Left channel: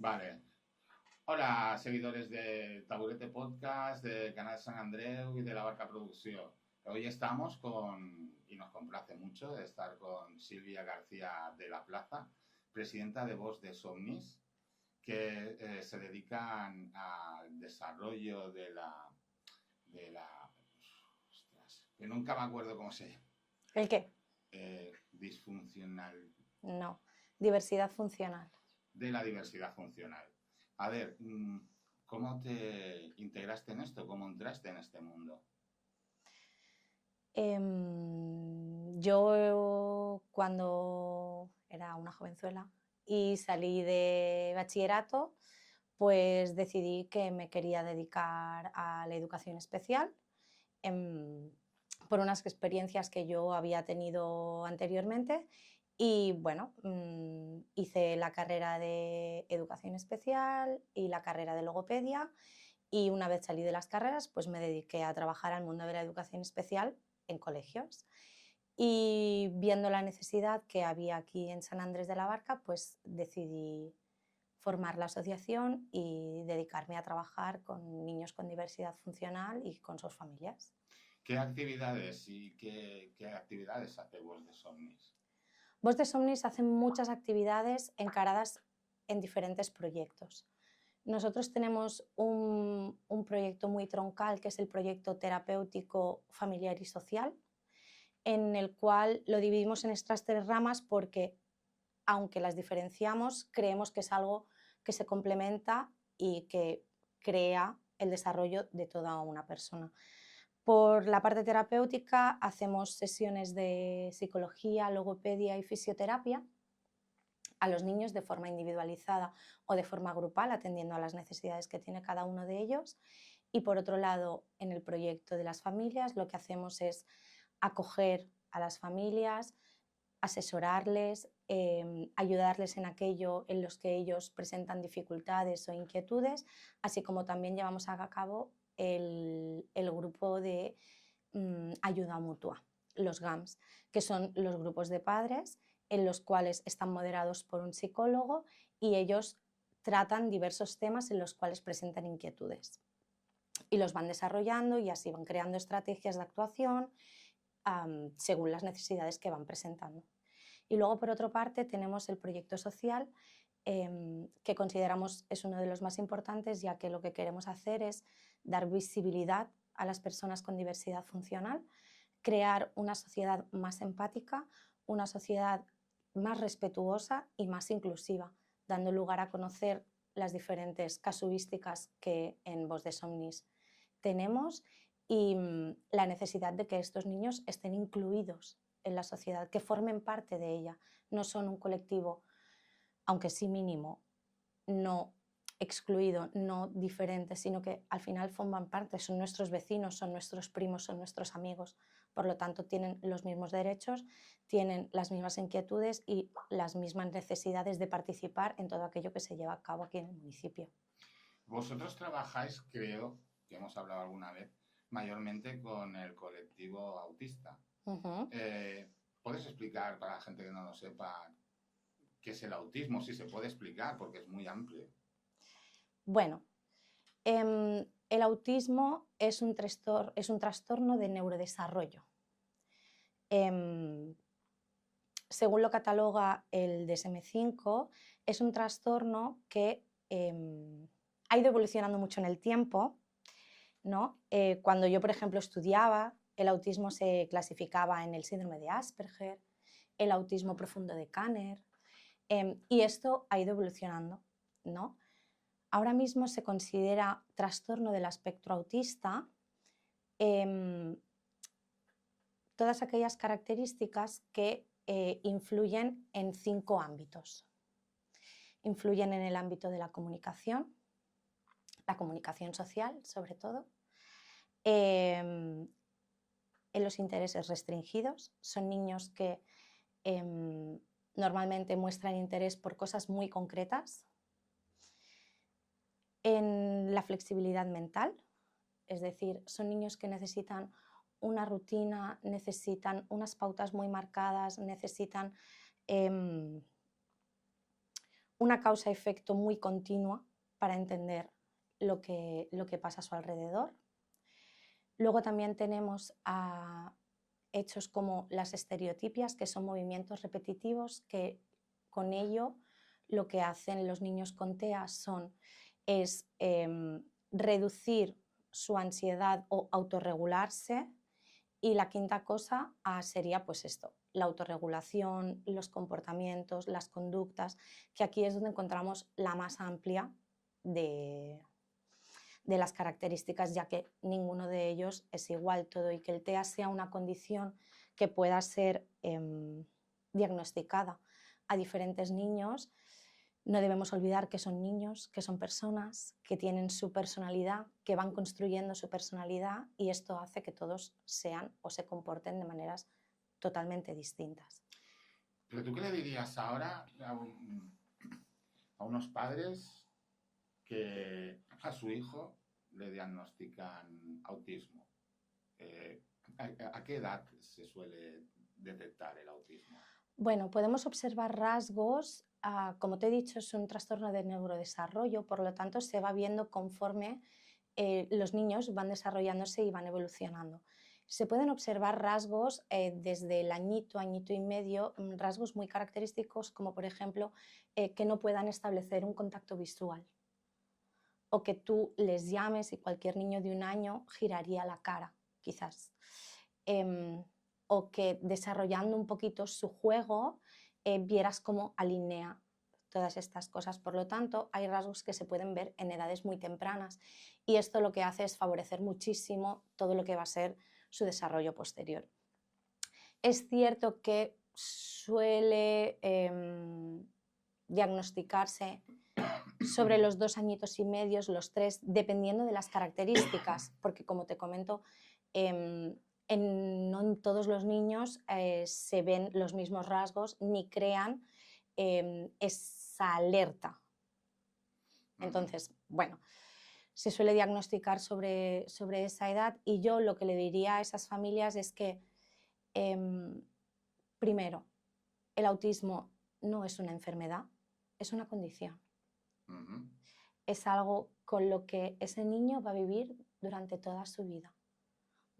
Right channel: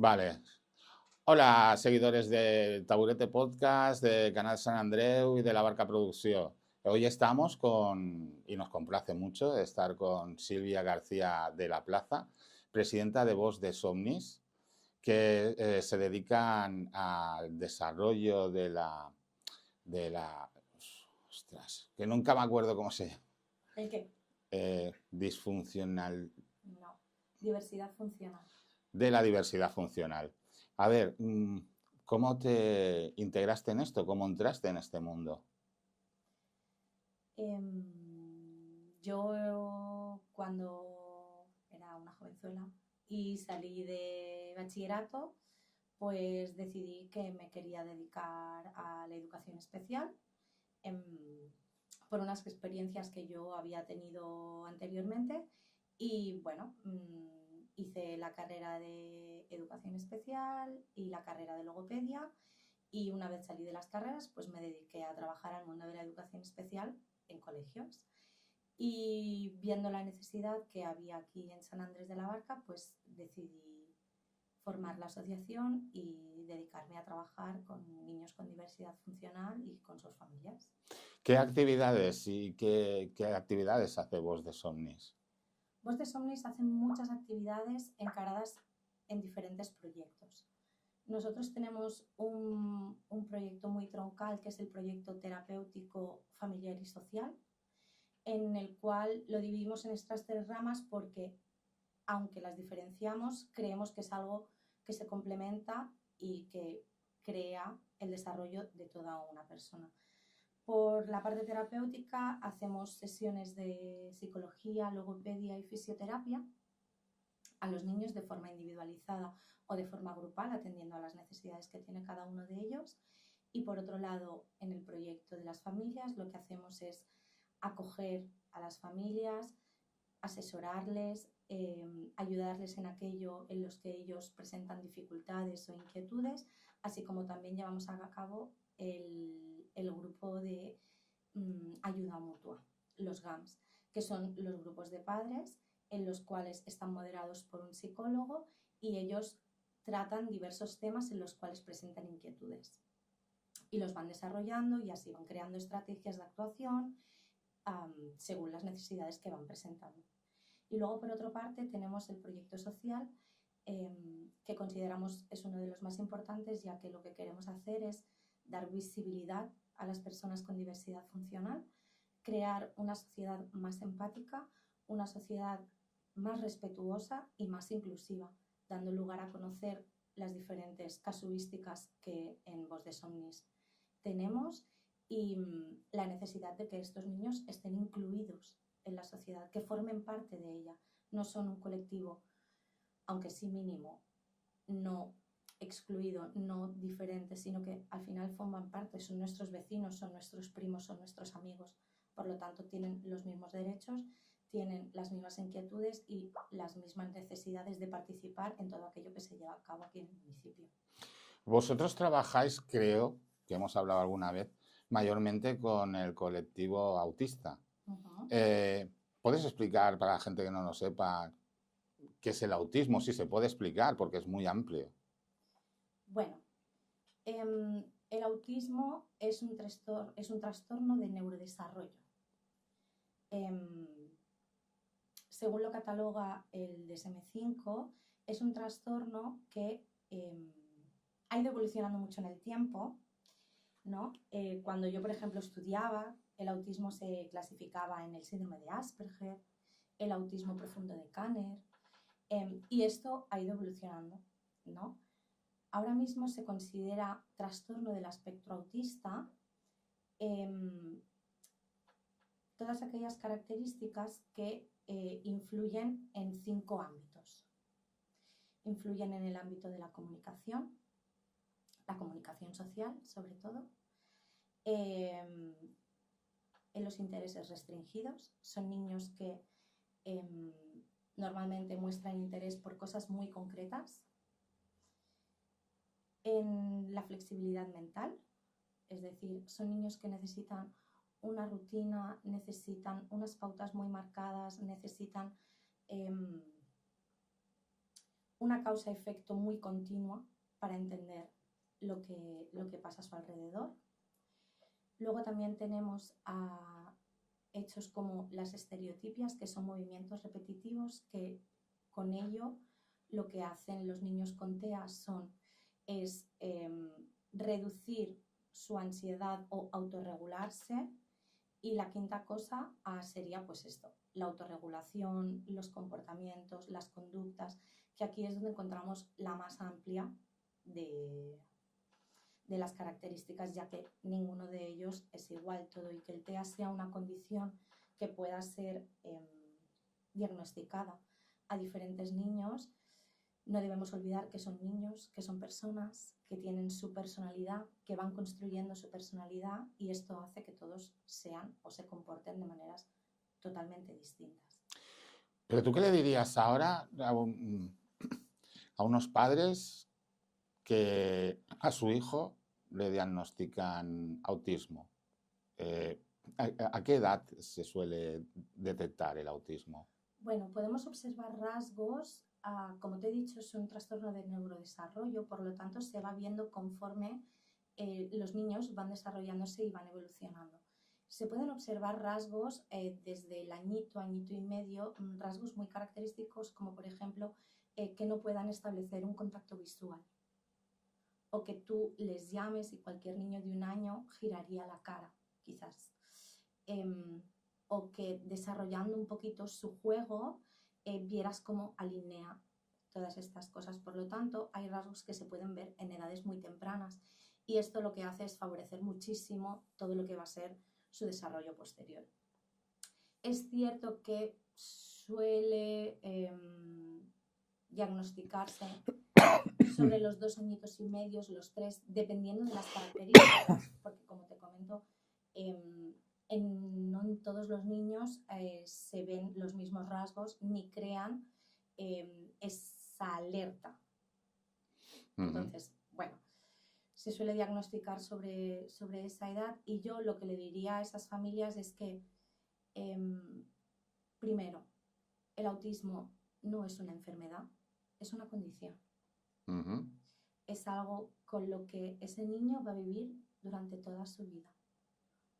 Vale. Hola, seguidores del Taburete Podcast, de Canal San Andreu y de La Barca Producción. Hoy estamos y nos complace mucho estar con Silvia García de la Plaza, presidenta de Voz de Somnis, que se dedican al desarrollo de la, ostras, que nunca me acuerdo cómo se llama, ¿El qué? disfuncional, No. Diversidad funcional. de la diversidad funcional. A ver, ¿cómo te integraste en esto? ¿Cómo entraste en este mundo? Yo cuando era una jovenzuela y salí de bachillerato, pues decidí que me quería dedicar a la educación especial por unas experiencias que yo había tenido anteriormente y bueno, hice la carrera de educación especial y la carrera de logopedia y una vez salí de las carreras pues me dediqué a trabajar al mundo de la educación especial en colegios y viendo la necesidad que había aquí en San Andrés de la Barca pues decidí formar la asociación y dedicarme a trabajar con niños con diversidad funcional y con sus familias. ¿Qué actividades y qué actividades hace Voz de Somnis? Voz de Somnis hace muchas actividades encaradas en diferentes proyectos. Nosotros tenemos un proyecto muy troncal que es el proyecto terapéutico familiar y social, en el cual lo dividimos en estas tres ramas porque, aunque las diferenciamos, creemos que es algo que se complementa y que crea el desarrollo de toda una persona. Por la parte terapéutica hacemos sesiones de psicología, logopedia y fisioterapia a los niños de forma individualizada o de forma grupal, atendiendo a las necesidades que tiene cada uno de ellos. Y por otro lado, en el proyecto de las familias, lo que hacemos es acoger a las familias, asesorarles, ayudarles en aquello en los que ellos presentan dificultades o inquietudes, así como también llevamos a cabo el grupo de ayuda mutua, los GAMS, que son los grupos de padres en los cuales están moderados por un psicólogo y ellos tratan diversos temas en los cuales presentan inquietudes y los van desarrollando y así van creando estrategias de actuación según las necesidades que van presentando. Y luego, por otra parte, tenemos el proyecto social, que consideramos es uno de los más importantes, ya que lo que queremos hacer es dar visibilidad a las personas con diversidad funcional, crear una sociedad más empática, una sociedad más respetuosa y más inclusiva, dando lugar a conocer las diferentes casuísticas que en Voz de Somnis tenemos y la necesidad de que estos niños estén incluidos en la sociedad, que formen parte de ella. No son un colectivo, aunque sí mínimo, no excluido, no diferente, sino que al final forman parte, son nuestros vecinos, son nuestros primos, son nuestros amigos. Por lo tanto, tienen los mismos derechos, tienen las mismas inquietudes y las mismas necesidades de participar en todo aquello que se lleva a cabo aquí en el municipio. Vosotros trabajáis, creo, que hemos hablado alguna vez, mayormente con el colectivo autista. Uh-huh. Eh, ¿Puedes explicar para la gente que no lo sepa qué es el autismo? Si se puede explicar, porque es muy amplio. Bueno, el autismo es un trastorno de neurodesarrollo. Según lo cataloga el DSM-5, es un trastorno que ha ido evolucionando mucho en el tiempo, ¿no? Cuando yo, por ejemplo, estudiaba, el autismo se clasificaba en el síndrome de Asperger, el autismo profundo de Kanner, y esto ha ido evolucionando, ¿no? Ahora mismo se considera trastorno del espectro autista todas aquellas características que influyen en 5 ámbitos. Influyen en el ámbito de la comunicación social sobre todo, en los intereses restringidos. Son niños que normalmente muestran interés por cosas muy concretas, en la flexibilidad mental, es decir, son niños que necesitan una rutina, necesitan unas pautas muy marcadas, necesitan una causa-efecto muy continua para entender lo que pasa a su alrededor. Luego también tenemos hechos como las estereotipias, que son movimientos repetitivos, que con ello lo que hacen los niños con TEA es reducir su ansiedad o autorregularse. Y la quinta cosa sería pues esto, la autorregulación, los comportamientos, las conductas, que aquí es donde encontramos la más amplia de las características, ya que ninguno de ellos es igual todo, y que el TEA sea una condición que pueda ser diagnosticada a diferentes niños. No debemos olvidar que son niños, que son personas, que tienen su personalidad, que van construyendo su personalidad, y esto hace que todos sean o se comporten de maneras totalmente distintas. ¿Pero tú qué le dirías ahora a unos padres que a su hijo le diagnostican autismo? ¿A qué edad se suele detectar el autismo? Bueno, podemos observar rasgos, como te he dicho, es un trastorno de neurodesarrollo, por lo tanto se va viendo conforme los niños van desarrollándose y van evolucionando. Se pueden observar rasgos desde el añito, añito y medio, rasgos muy característicos como por ejemplo que no puedan establecer un contacto visual, o que tú les llames y cualquier niño de 1 año giraría la cara, quizás. O que desarrollando un poquito su juego vieras cómo alinea todas estas cosas. Por lo tanto, hay rasgos que se pueden ver en edades muy tempranas, y esto lo que hace es favorecer muchísimo todo lo que va a ser su desarrollo posterior. Es cierto que suele diagnosticarse sobre los 2 añitos y medios, los 3, dependiendo de las características, porque como te comento, no en todos los niños se ven los mismos rasgos ni crean esa alerta. Entonces, bueno, se suele diagnosticar sobre esa edad, y yo lo que le diría a esas familias es que, primero, el autismo no es una enfermedad, es una condición. Es algo con lo que ese niño va a vivir durante toda su vida.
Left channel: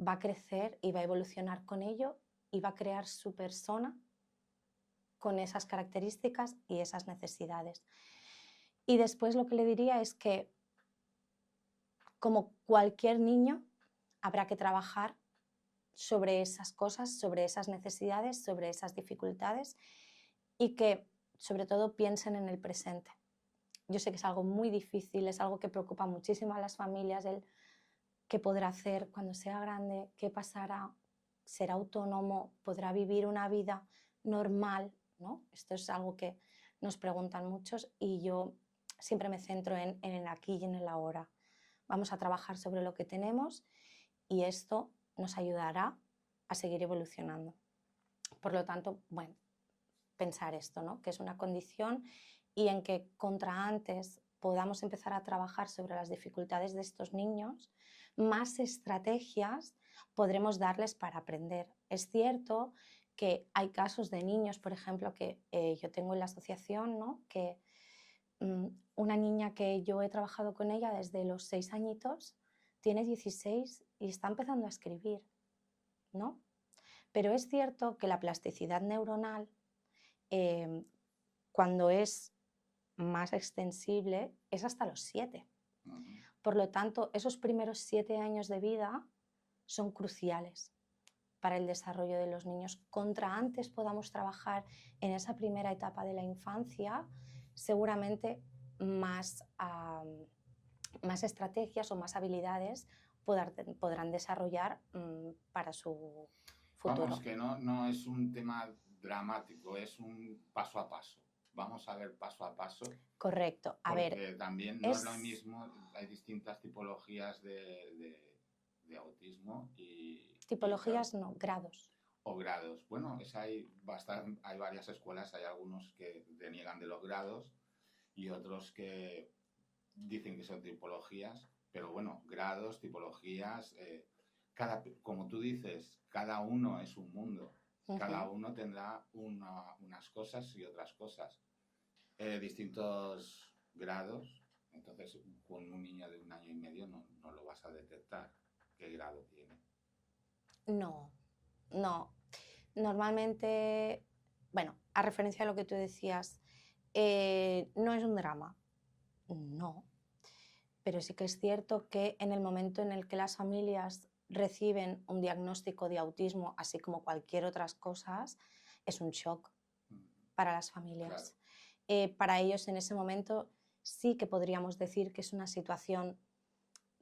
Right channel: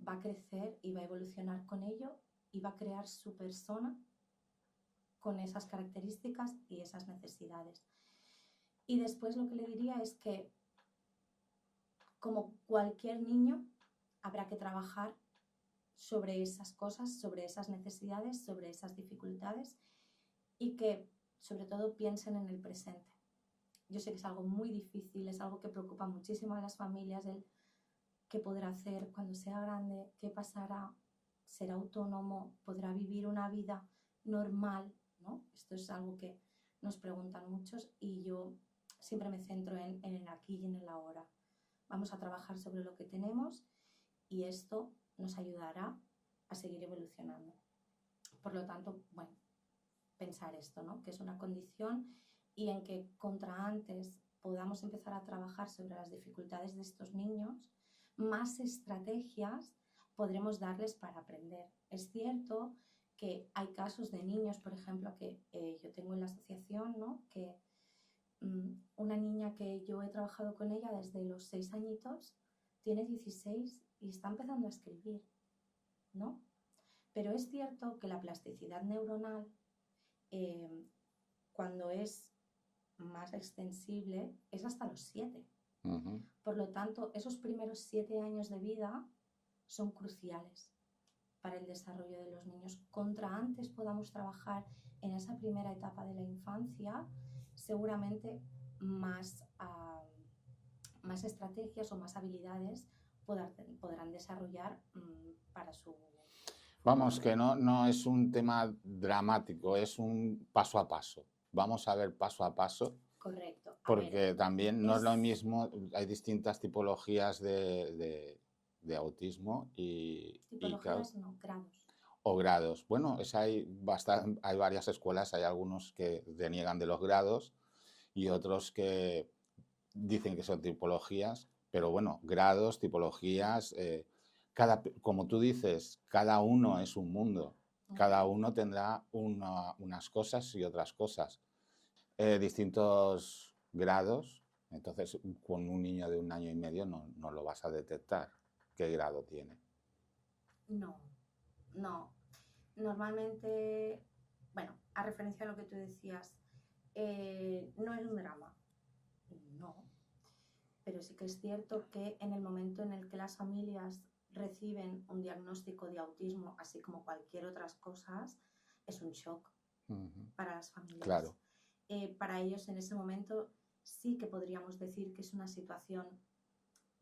Va a crecer y va a evolucionar con ello, y va a crear su persona con esas características y esas necesidades. Y después lo que le diría es que, como cualquier niño, habrá que trabajar sobre esas cosas, sobre esas necesidades, sobre esas dificultades, y que sobre todo piensen en el presente. Yo sé que es algo muy difícil, es algo que preocupa muchísimo a las familias, el qué podrá hacer cuando sea grande, qué pasará, será autónomo, podrá vivir una vida normal, ¿no? Esto es algo que nos preguntan muchos, y yo siempre me centro en el aquí y en el ahora. Vamos a trabajar sobre lo que tenemos, y esto nos ayudará a seguir evolucionando. Por lo tanto, bueno, pensar esto, ¿no? Que es una condición, y en que contra antes podamos empezar a trabajar sobre las dificultades de estos niños, más estrategias podremos darles para aprender. Es cierto que hay casos de niños, por ejemplo, que yo tengo en la asociación, ¿no? Que una niña que yo he trabajado con ella desde los 6 añitos, tiene 16 y está empezando a escribir, ¿no? Pero es cierto que la plasticidad neuronal, cuando es más extensible, es hasta los 7. Por lo tanto, esos primeros 7 años de vida son cruciales para el desarrollo de los niños. Contra antes podamos trabajar en esa primera etapa de la infancia, seguramente más estrategias o más habilidades podrán desarrollar para su futuro. Vamos, que no es un tema dramático, es un paso a paso. Vamos a ver paso a paso. Correcto. Porque también no es lo mismo, hay distintas tipologías de autismo y... Tipologías y no, grados. O grados. Bueno, hay varias escuelas, hay algunos que deniegan de los grados y otros que dicen que son tipologías, pero bueno, grados, tipologías, como tú dices, cada uno es un mundo, cada uno tendrá unas cosas y otras cosas. distintos grados, entonces con un niño de 1 año y medio no lo vas a detectar qué grado tiene. No, no. Normalmente, bueno, a referencia a lo que tú decías, no es un drama, no. Pero sí que es cierto que en el momento en el que las familias reciben un diagnóstico de autismo, así como cualquier otras cosas, es un shock para las familias. Claro. Para ellos en ese momento sí que podríamos decir que es una situación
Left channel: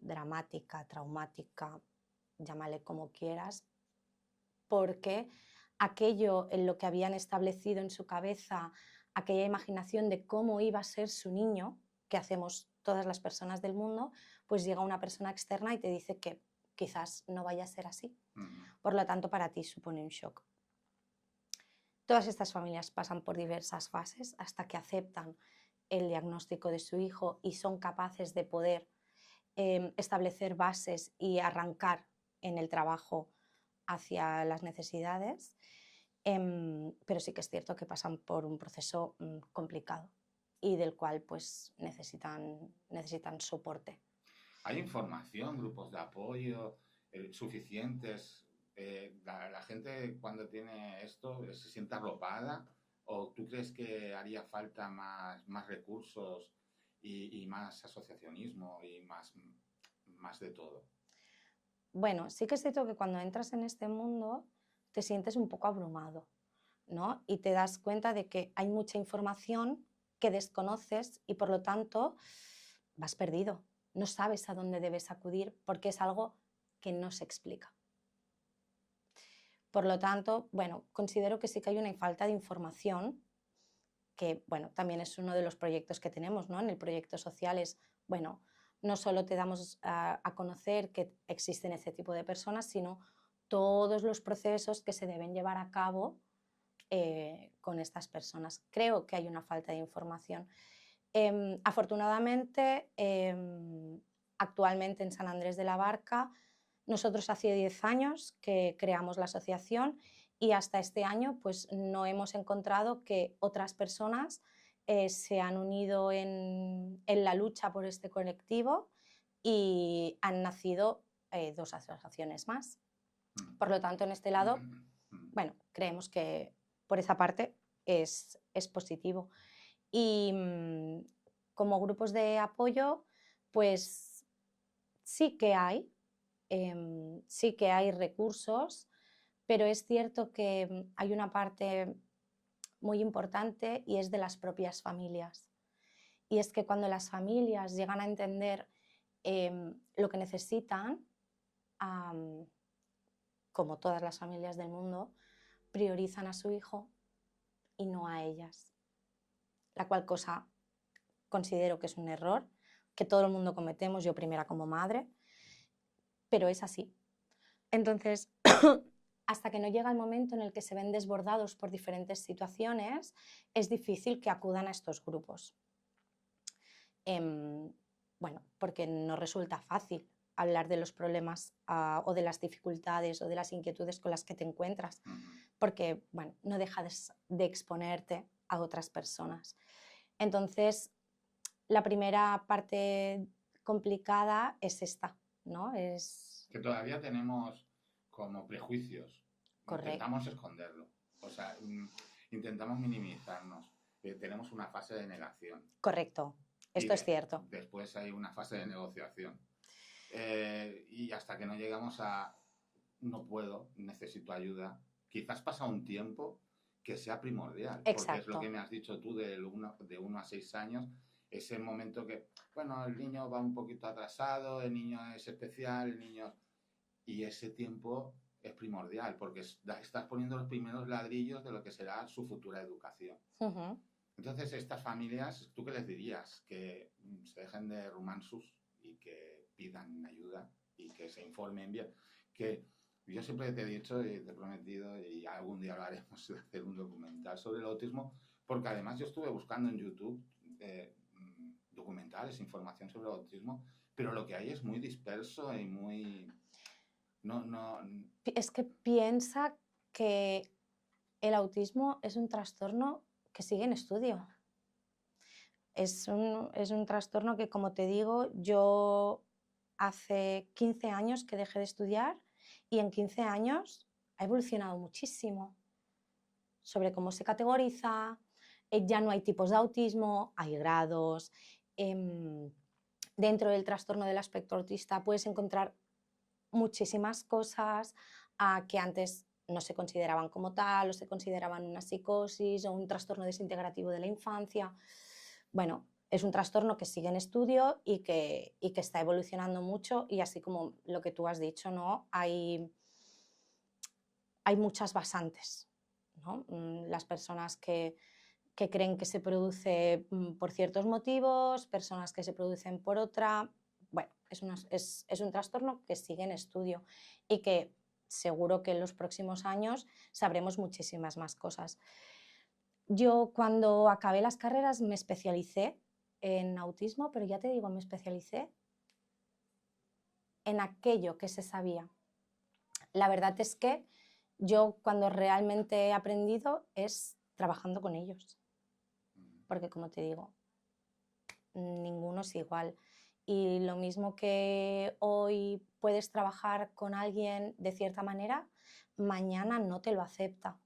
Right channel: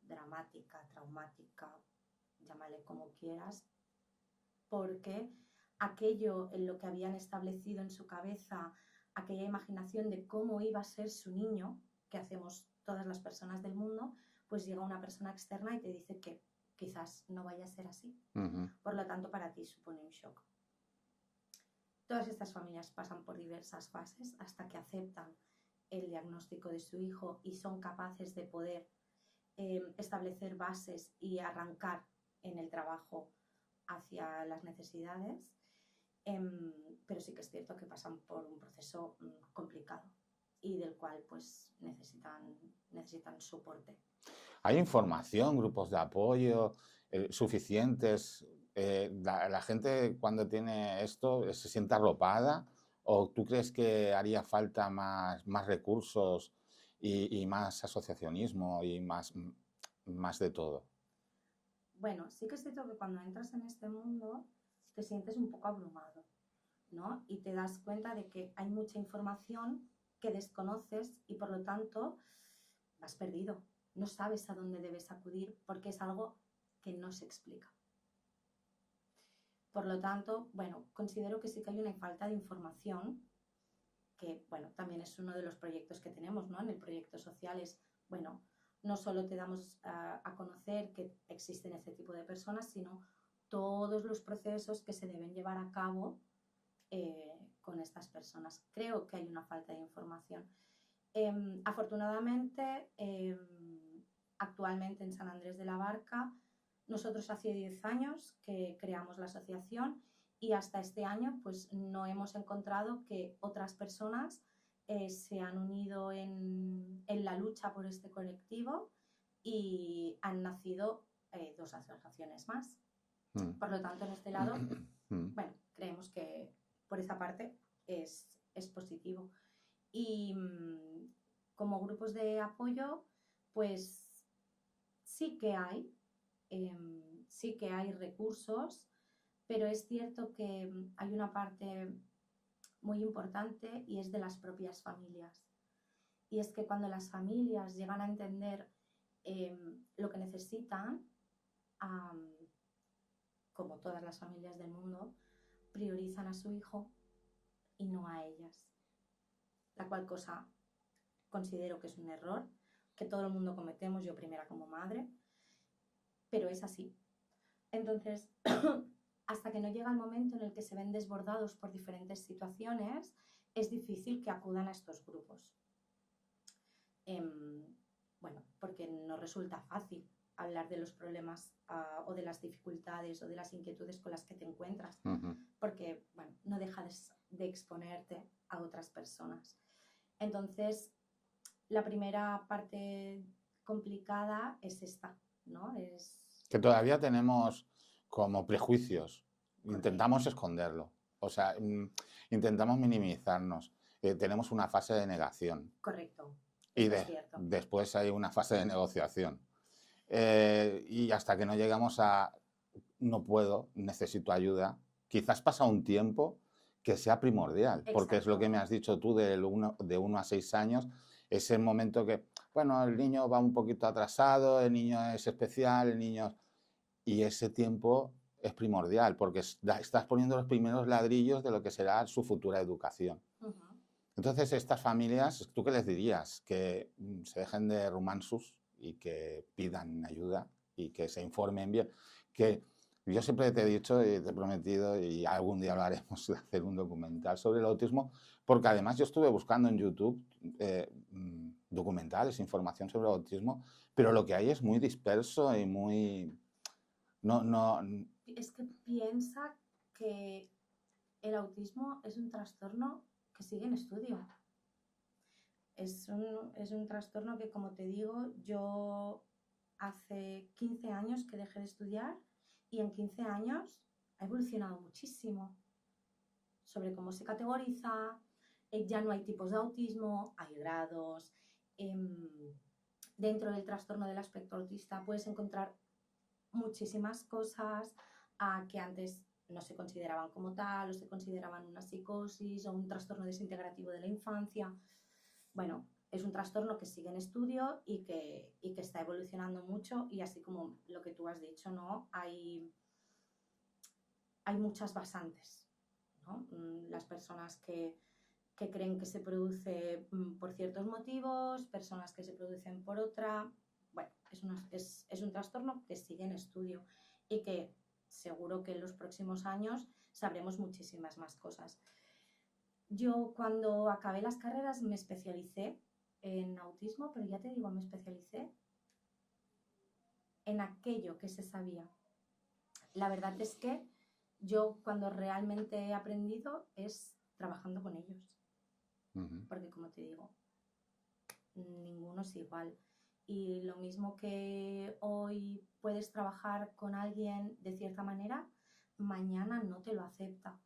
dramática, traumática, llámale como quieras, porque aquello en lo que habían establecido en su cabeza, aquella imaginación de cómo iba a ser su niño, que hacemos todas las personas del mundo, pues llega una persona externa y te dice que quizás no vaya a ser así. Por lo tanto, para ti supone un shock. Todas estas familias pasan por diversas fases hasta que aceptan el diagnóstico de su hijo y son capaces de poder establecer bases y arrancar en el trabajo hacia las necesidades, pero sí que es cierto que pasan por un proceso complicado y del cual pues necesitan soporte. ¿Hay información, grupos de apoyo suficientes? ¿La gente cuando tiene esto se siente arropada? ¿O tú crees que haría falta más recursos y más asociacionismo y más de todo? Bueno, sí que es cierto que cuando entras en este mundo te sientes un poco abrumado, ¿no? Y te das cuenta de que hay mucha información que desconoces y por lo tanto vas perdido. No sabes a dónde debes acudir porque es algo que no se explica. Por lo tanto, bueno, considero que sí que hay una falta de información, que bueno, también es uno de los proyectos que tenemos, ¿no? En el proyecto social es, bueno, no solo te damos a conocer que existen este tipo de personas, sino todos los procesos que se deben llevar a cabo con estas personas. Creo que hay una falta de información. Afortunadamente, actualmente en San Andrés de la Barca, nosotros hace 10 años que creamos la asociación y hasta este año pues no hemos encontrado que otras personas se han unido en la lucha por este colectivo y han nacido 2 asociaciones más. Por lo tanto, en este lado, bueno, creemos que por esa parte es positivo. Y como grupos de apoyo, pues sí que hay recursos, pero es cierto que hay una parte muy importante y es de las propias familias. Y es que cuando las familias llegan a entender lo que necesitan, como todas las familias del mundo, priorizan a su hijo y no a ellas. La cual cosa considero que es un error, que todo el mundo cometemos, yo primera como madre, pero es así. Entonces, hasta que no llega el momento en el que se ven desbordados por diferentes situaciones, es difícil que acudan a estos grupos. Bueno, porque no resulta fácil hablar de los problemas o de las dificultades o de las inquietudes con las que te encuentras, porque, bueno, no dejas de exponerte a otras personas. Entonces, la primera parte complicada es esta, ¿no? Que todavía tenemos como prejuicios. Correcto. Intentamos esconderlo. O sea, intentamos minimizarnos. Tenemos una fase de negación. Correcto. Esto es cierto. Después hay una fase de negociación. Y hasta que no llegamos a no puedo, necesito ayuda, quizás pasa un tiempo que sea primordial. Exacto. Porque es lo que me has dicho tú de 1 a 6 años, es el momento que, bueno, el niño va un poquito atrasado, el niño es especial, el niño... Y ese tiempo es primordial porque estás poniendo los primeros ladrillos de lo que será su futura educación. Entonces, estas familias, ¿tú qué les dirías? Que se dejen de romansus y que pidan ayuda y que se informen bien. Que yo siempre te he dicho y te he prometido, y algún día lo haremos, de hacer un documental sobre el autismo, porque además yo estuve buscando en YouTube documentales, información sobre el autismo, pero lo que hay es muy disperso y muy... Es que piensa que el autismo es un trastorno que sigue en estudio. es un trastorno que, como te digo, yo hace 15 años que dejé de estudiar y en 15 años ha evolucionado muchísimo sobre cómo se categoriza, ya no hay tipos de autismo, hay grados. Dentro del trastorno del espectro autista puedes encontrar muchísimas cosas que antes no se consideraban como tal, o se consideraban una psicosis o un trastorno desintegrativo de la infancia. Bueno, es un trastorno que sigue en estudio y que está evolucionando mucho, y así como lo que tú has dicho, ¿no? Hay muchas basantes, ¿no? Las personas que creen que se produce por ciertos motivos, personas que se producen por otra. Bueno, es un trastorno que sigue en estudio y que seguro que en los próximos años sabremos muchísimas más cosas. Yo cuando acabé las carreras me especialicé en autismo, pero ya te digo, me especialicé en aquello que se sabía. La verdad es que yo cuando realmente he aprendido es trabajando con ellos. Porque, como te digo, ninguno es igual. Y lo mismo que hoy puedes trabajar con alguien de cierta manera, mañana no te lo acepta.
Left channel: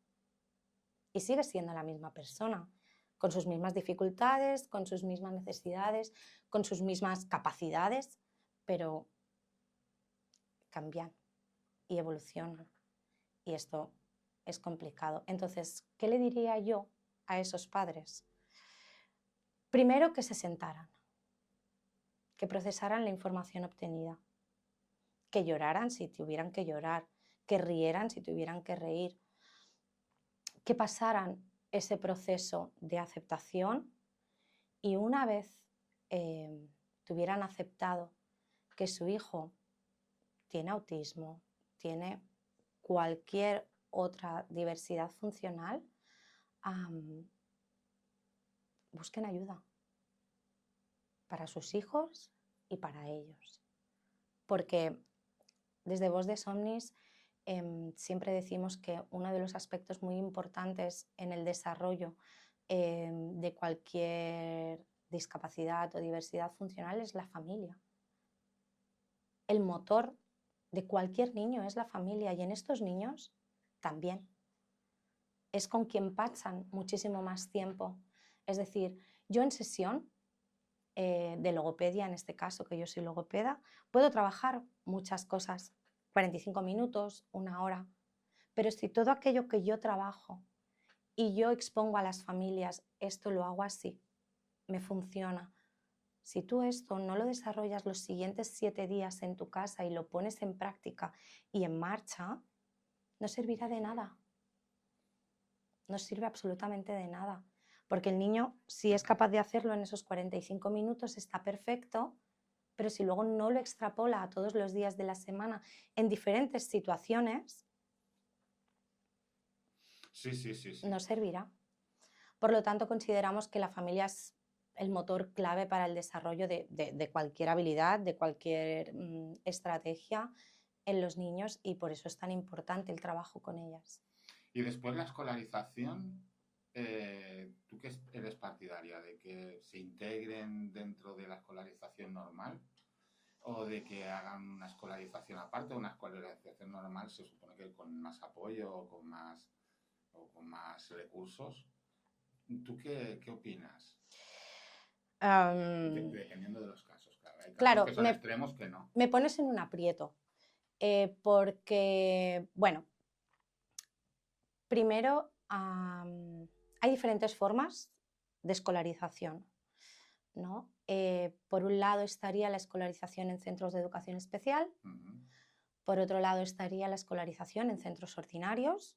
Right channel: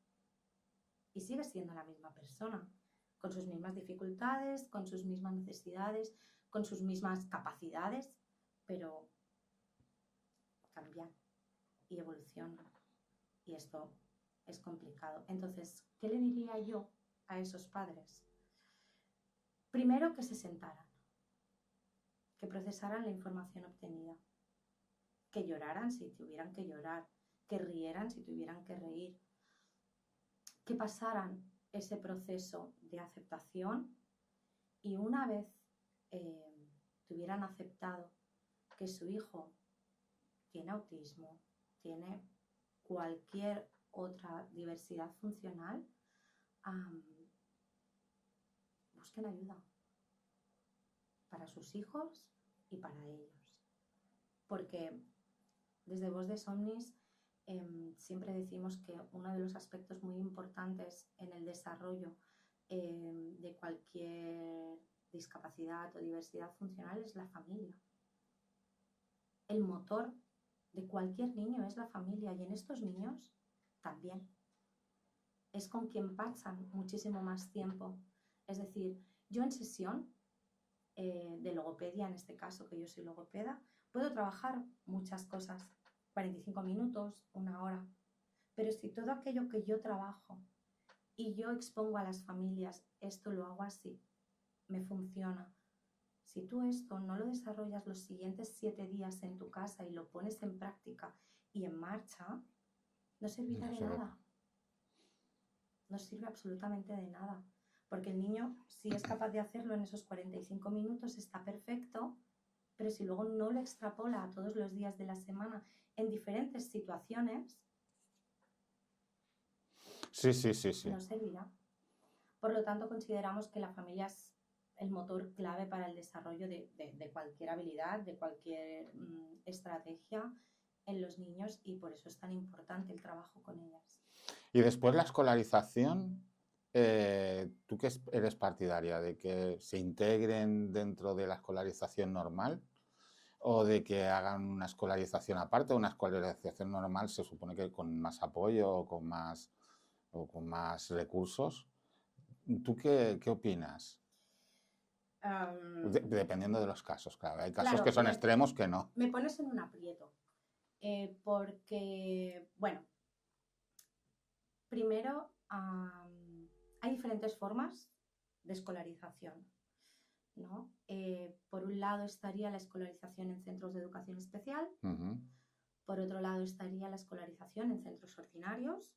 Y sigues siendo la misma persona, con sus mismas dificultades, con sus mismas necesidades, con sus mismas capacidades, pero cambian y evolucionan. Y esto es complicado. Entonces, ¿qué le diría yo a esos padres? Primero, que se sentaran, que procesaran la información obtenida, que lloraran si tuvieran que llorar, que rieran si tuvieran que reír, que pasaran ese proceso de aceptación, y una vez tuvieran aceptado que su hijo tiene autismo, tiene cualquier otra diversidad funcional, busquen ayuda para sus hijos y para ellos. Porque desde Voz de Somnis siempre decimos que uno de los aspectos muy importantes en el desarrollo de cualquier discapacidad o diversidad funcional es la familia. El motor de cualquier niño es la familia, y en estos niños también. Es con quien pasan muchísimo más tiempo. Es decir, yo en sesión de logopedia, en este caso, que yo soy logopeda, puedo trabajar muchas cosas, 45 minutos, una hora, pero si todo aquello que yo trabajo y yo expongo a las familias, esto lo hago así, me funciona. Si tú esto no lo desarrollas los siguientes 7 días en tu casa y lo pones en práctica y en marcha, no servirá de nada. No sirve absolutamente de nada. Porque el niño, si es capaz de hacerlo en esos 45 minutos, está perfecto, pero si luego no lo extrapola a todos los días de la semana en diferentes situaciones, sí. no servirá. Por lo tanto, consideramos que la familia es el motor clave para el desarrollo de cualquier habilidad, de cualquier estrategia en los niños, y por eso es tan importante el trabajo con ellas. Y después la escolarización, ¿tú qué eres partidaria? ¿De que se integren dentro de la escolarización normal? ¿O de que hagan una escolarización aparte? Una escolarización normal se supone que con más apoyo o con más recursos. ¿Tú qué opinas? Dependiendo de los casos, claro. Hay casos que son extremos que no. Me pones en un aprieto, porque, bueno, primero hay diferentes formas de escolarización, ¿no? Por un lado estaría la escolarización en centros de educación especial, por otro lado estaría la escolarización en centros ordinarios,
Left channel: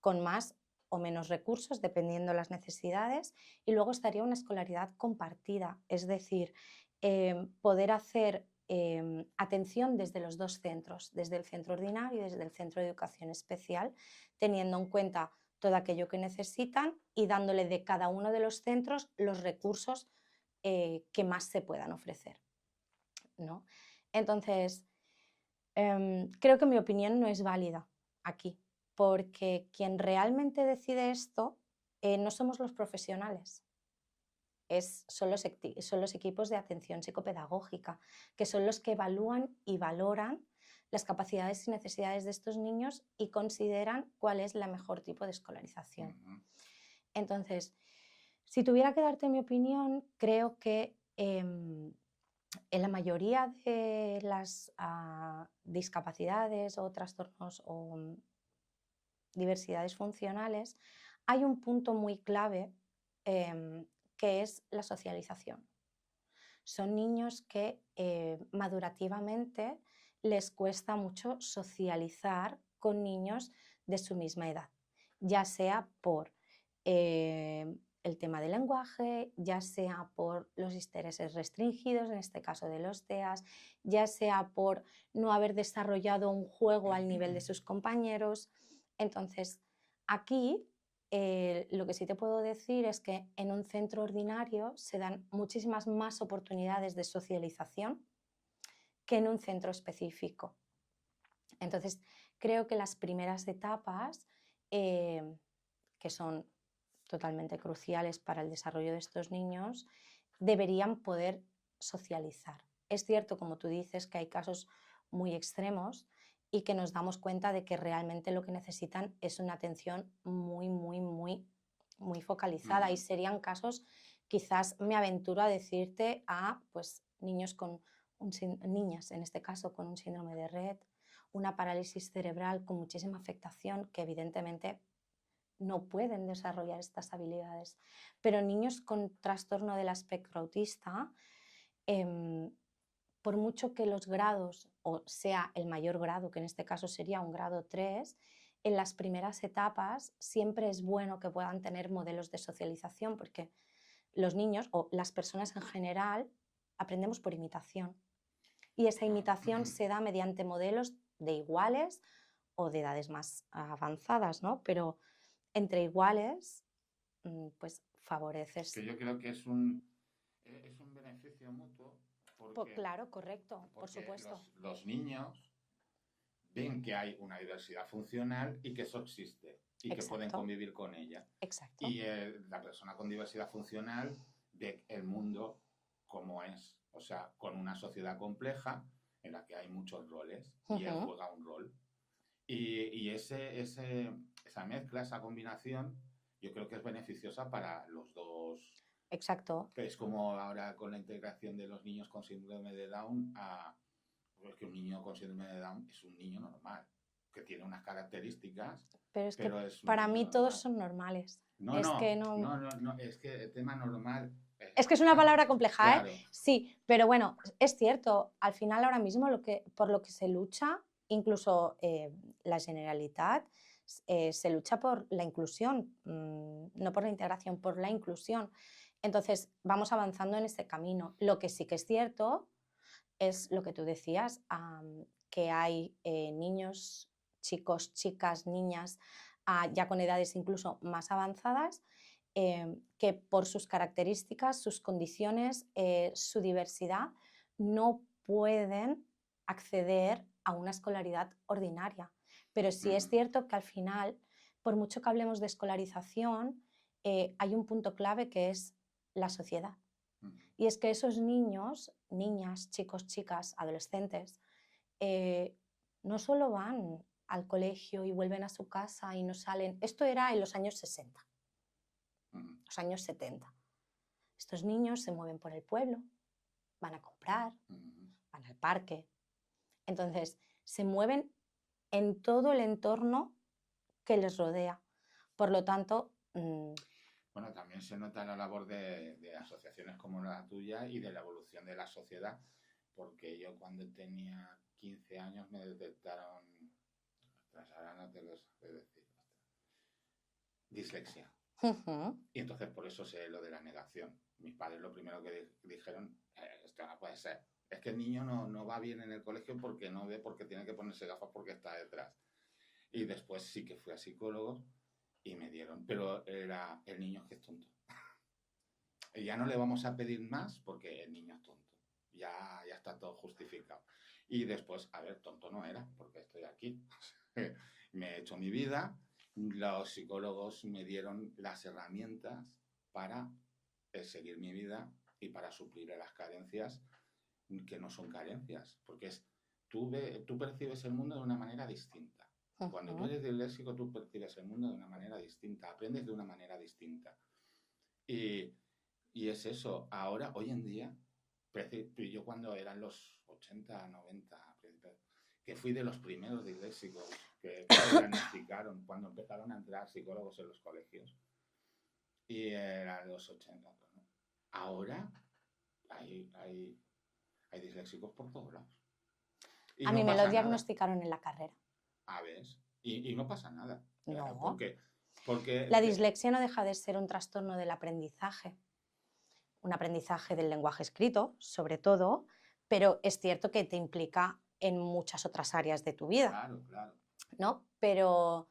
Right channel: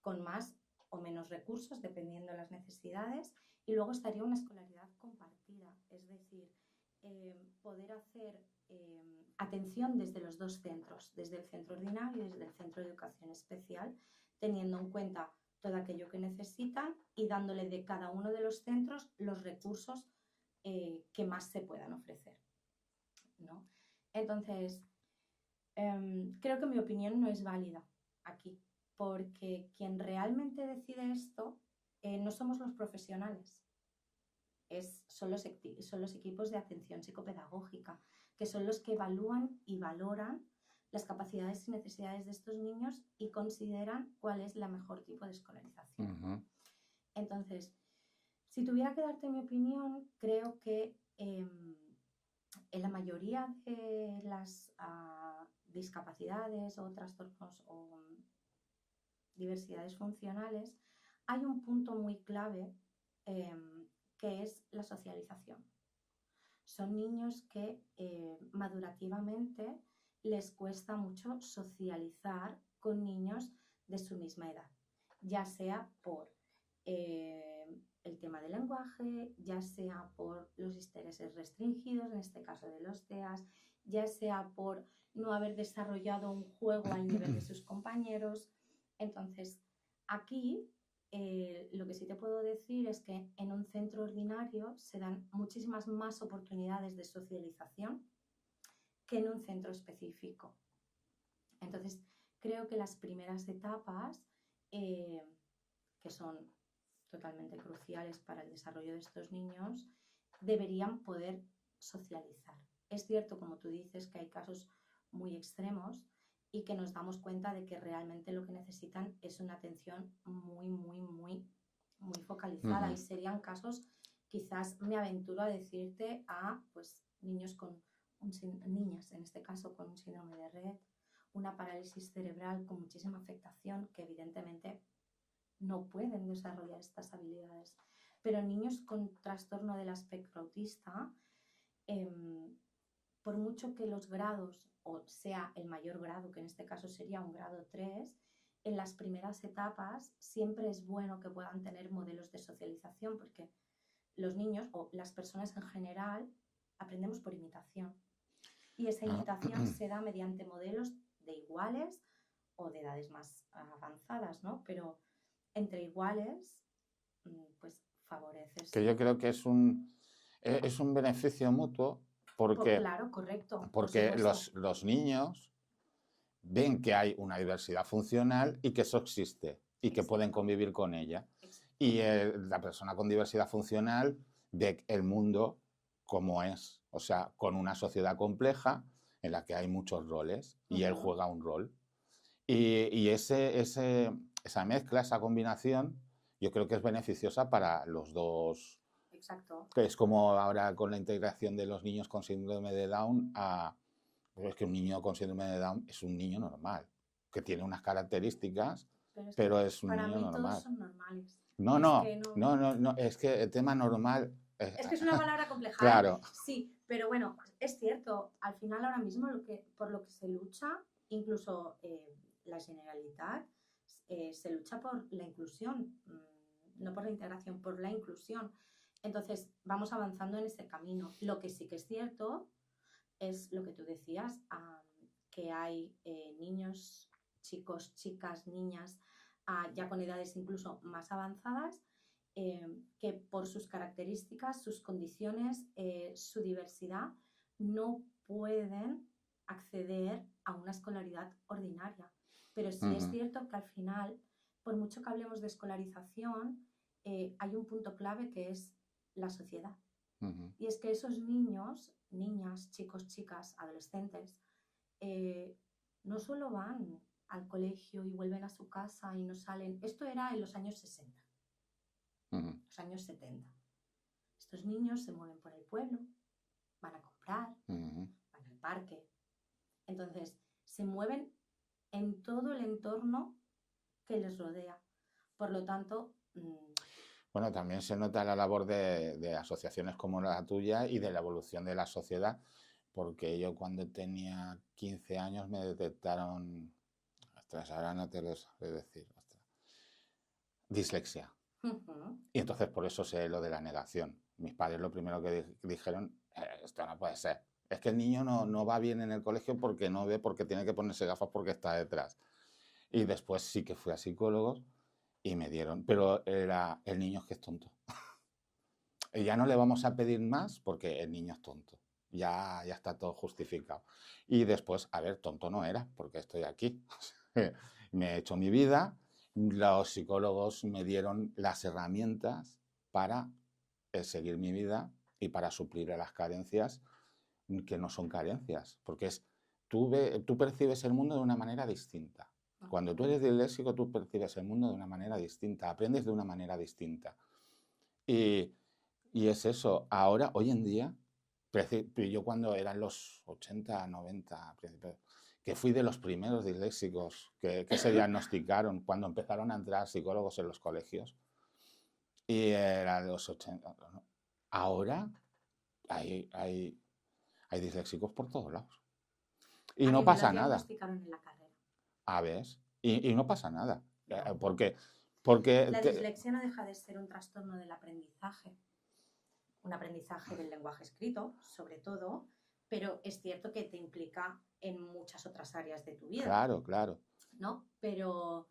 con más o menos recursos, dependiendo de las necesidades, y luego estaría una escolaridad compartida, es decir, poder hacer atención desde los dos centros, desde el centro ordinario y desde el centro de educación especial, teniendo en cuenta todo aquello que necesitan y dándole de cada uno de los centros los recursos que más se puedan ofrecer, ¿no? Entonces, creo que mi opinión no es válida aquí, porque quien realmente decide esto no somos los profesionales. son los equipos de atención psicopedagógica, que son los que evalúan y valoran las capacidades y necesidades de estos niños y consideran cuál es el mejor tipo de escolarización. Entonces, si tuviera que darte mi opinión, creo que en la mayoría de las discapacidades o trastornos o diversidades funcionales hay un punto muy clave que es la socialización. Son niños que madurativamente les cuesta mucho socializar con niños de su misma edad, ya sea por el tema del lenguaje, ya sea por los intereses restringidos, en este caso de los TEAs, ya sea por no haber desarrollado un juego al nivel de sus compañeros. Entonces, aquí lo que sí te puedo decir es que en un centro ordinario se dan muchísimas más oportunidades de socialización que en un centro específico. Entonces, creo que las primeras etapas, que son totalmente cruciales para el desarrollo de estos niños, deberían poder socializar. Es cierto, como tú dices, que hay casos muy extremos y que nos damos cuenta de que realmente lo que necesitan es una atención muy focalizada. Y serían casos, quizás me aventuro a decirte, pues, niñas, en este caso, con un síndrome de Rett, una parálisis cerebral con muchísima afectación que evidentemente no pueden desarrollar estas habilidades. Pero niños con trastorno del espectro autista, por mucho que los grados, o sea el mayor grado, que en este caso sería un grado 3, en las primeras etapas siempre es bueno que puedan tener modelos de socialización, porque los niños o las personas en general aprendemos por imitación. Y esa imitación se da mediante modelos de iguales o de edades más avanzadas, ¿no? Pero entre iguales, pues favoreces. Que yo creo que es un beneficio mutuo porque, claro, correcto. porque los niños ven que hay una diversidad funcional y que eso existe y que pueden convivir con ella. Exacto. Y la persona con diversidad funcional ve el mundo como es, o sea, con una sociedad compleja en la que hay muchos roles y él juega un rol. Y esa mezcla, esa combinación, yo creo que es beneficiosa para los dos. Exacto. Que es como ahora con la integración de los niños con síndrome de Down pues es que un niño con síndrome de Down es un niño normal, que tiene unas características, pero es un para niño mí normal. Todos son normales. No, es que el tema normal... Es que es una palabra compleja, claro. Sí, pero bueno, es cierto, al final ahora mismo por lo que se lucha, incluso la Generalitat, se lucha por la inclusión, no por la integración, por la inclusión. Entonces, vamos avanzando en este camino. Lo que sí que es cierto es lo que tú decías, que hay niños, chicos, chicas, niñas, ya con edades incluso más avanzadas, que por sus características, sus condiciones, su diversidad, no pueden acceder a una escolaridad ordinaria. Pero sí es cierto que al final, por mucho que hablemos de escolarización, hay un punto clave que es la sociedad. Y es que esos niños, niñas, chicos, chicas, adolescentes, no solo van al colegio y vuelven a su casa y no salen. Esto era en los años 60, los años 70. Estos niños se mueven por el pueblo, van a comprar, van al parque. Entonces, se mueven en todo el entorno que les rodea. Por lo tanto... Bueno, también se nota la labor de asociaciones como la tuya y de la evolución de la sociedad, porque yo cuando tenía 15 años me detectaron, ahora no te lo sé decir, dislexia. Y entonces por eso sé lo de la negación. Mis padres lo primero que dijeron, esto no puede ser. Es que el niño no va bien en el colegio porque no ve, porque tiene que ponerse gafas porque está detrás. Y después sí que fui a psicólogos y me dieron, pero el niño es que es tonto. Y ya no le vamos a pedir más porque el niño es tonto. Ya está todo justificado. Y después, a ver, tonto no era porque estoy aquí. Me he hecho mi vida. Los psicólogos me dieron las herramientas para seguir mi vida y para suplir a las carencias que no son carencias, porque tú percibes el mundo de una manera distinta. Cuando tú eres disléxico, tú percibes el mundo de una manera distinta, aprendes de una manera distinta. Y es eso. Ahora, hoy en día, yo cuando eran los 80, 90, que fui de los primeros disléxicos que se diagnosticaron cuando empezaron a entrar psicólogos en los colegios, y era de los 80. ¿No? Ahora hay disléxicos por todos lados. Y a no mí me pasa lo nada. diagnosticaron en la carrera. A ver, y no pasa nada. No. Porque la dislexia no deja de ser un trastorno del aprendizaje. Un aprendizaje del lenguaje escrito, sobre todo, pero es cierto que te implica en muchas otras áreas de tu vida. Claro, claro. ¿No? Pero,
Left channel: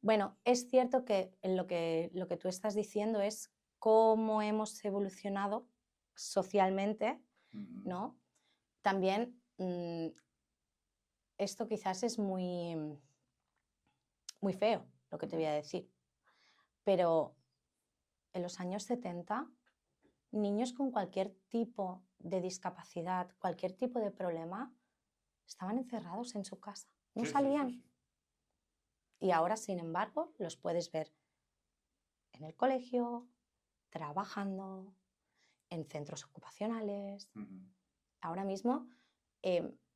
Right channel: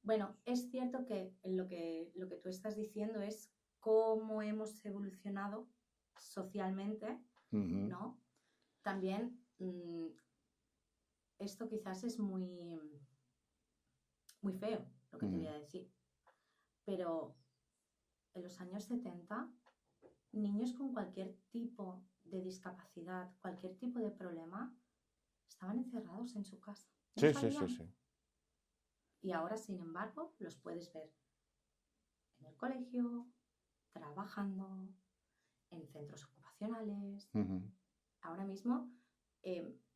bueno, es cierto que lo que tú estás diciendo es cómo hemos evolucionado socialmente, ¿no? También esto quizás es muy, muy feo, lo que te voy a decir, pero en los años 70, niños con cualquier tipo de discapacidad, cualquier tipo de problema, estaban encerrados en su casa, no salían. Sí. Y ahora, sin embargo, los puedes ver en el colegio, trabajando, en centros ocupacionales. Ahora mismo,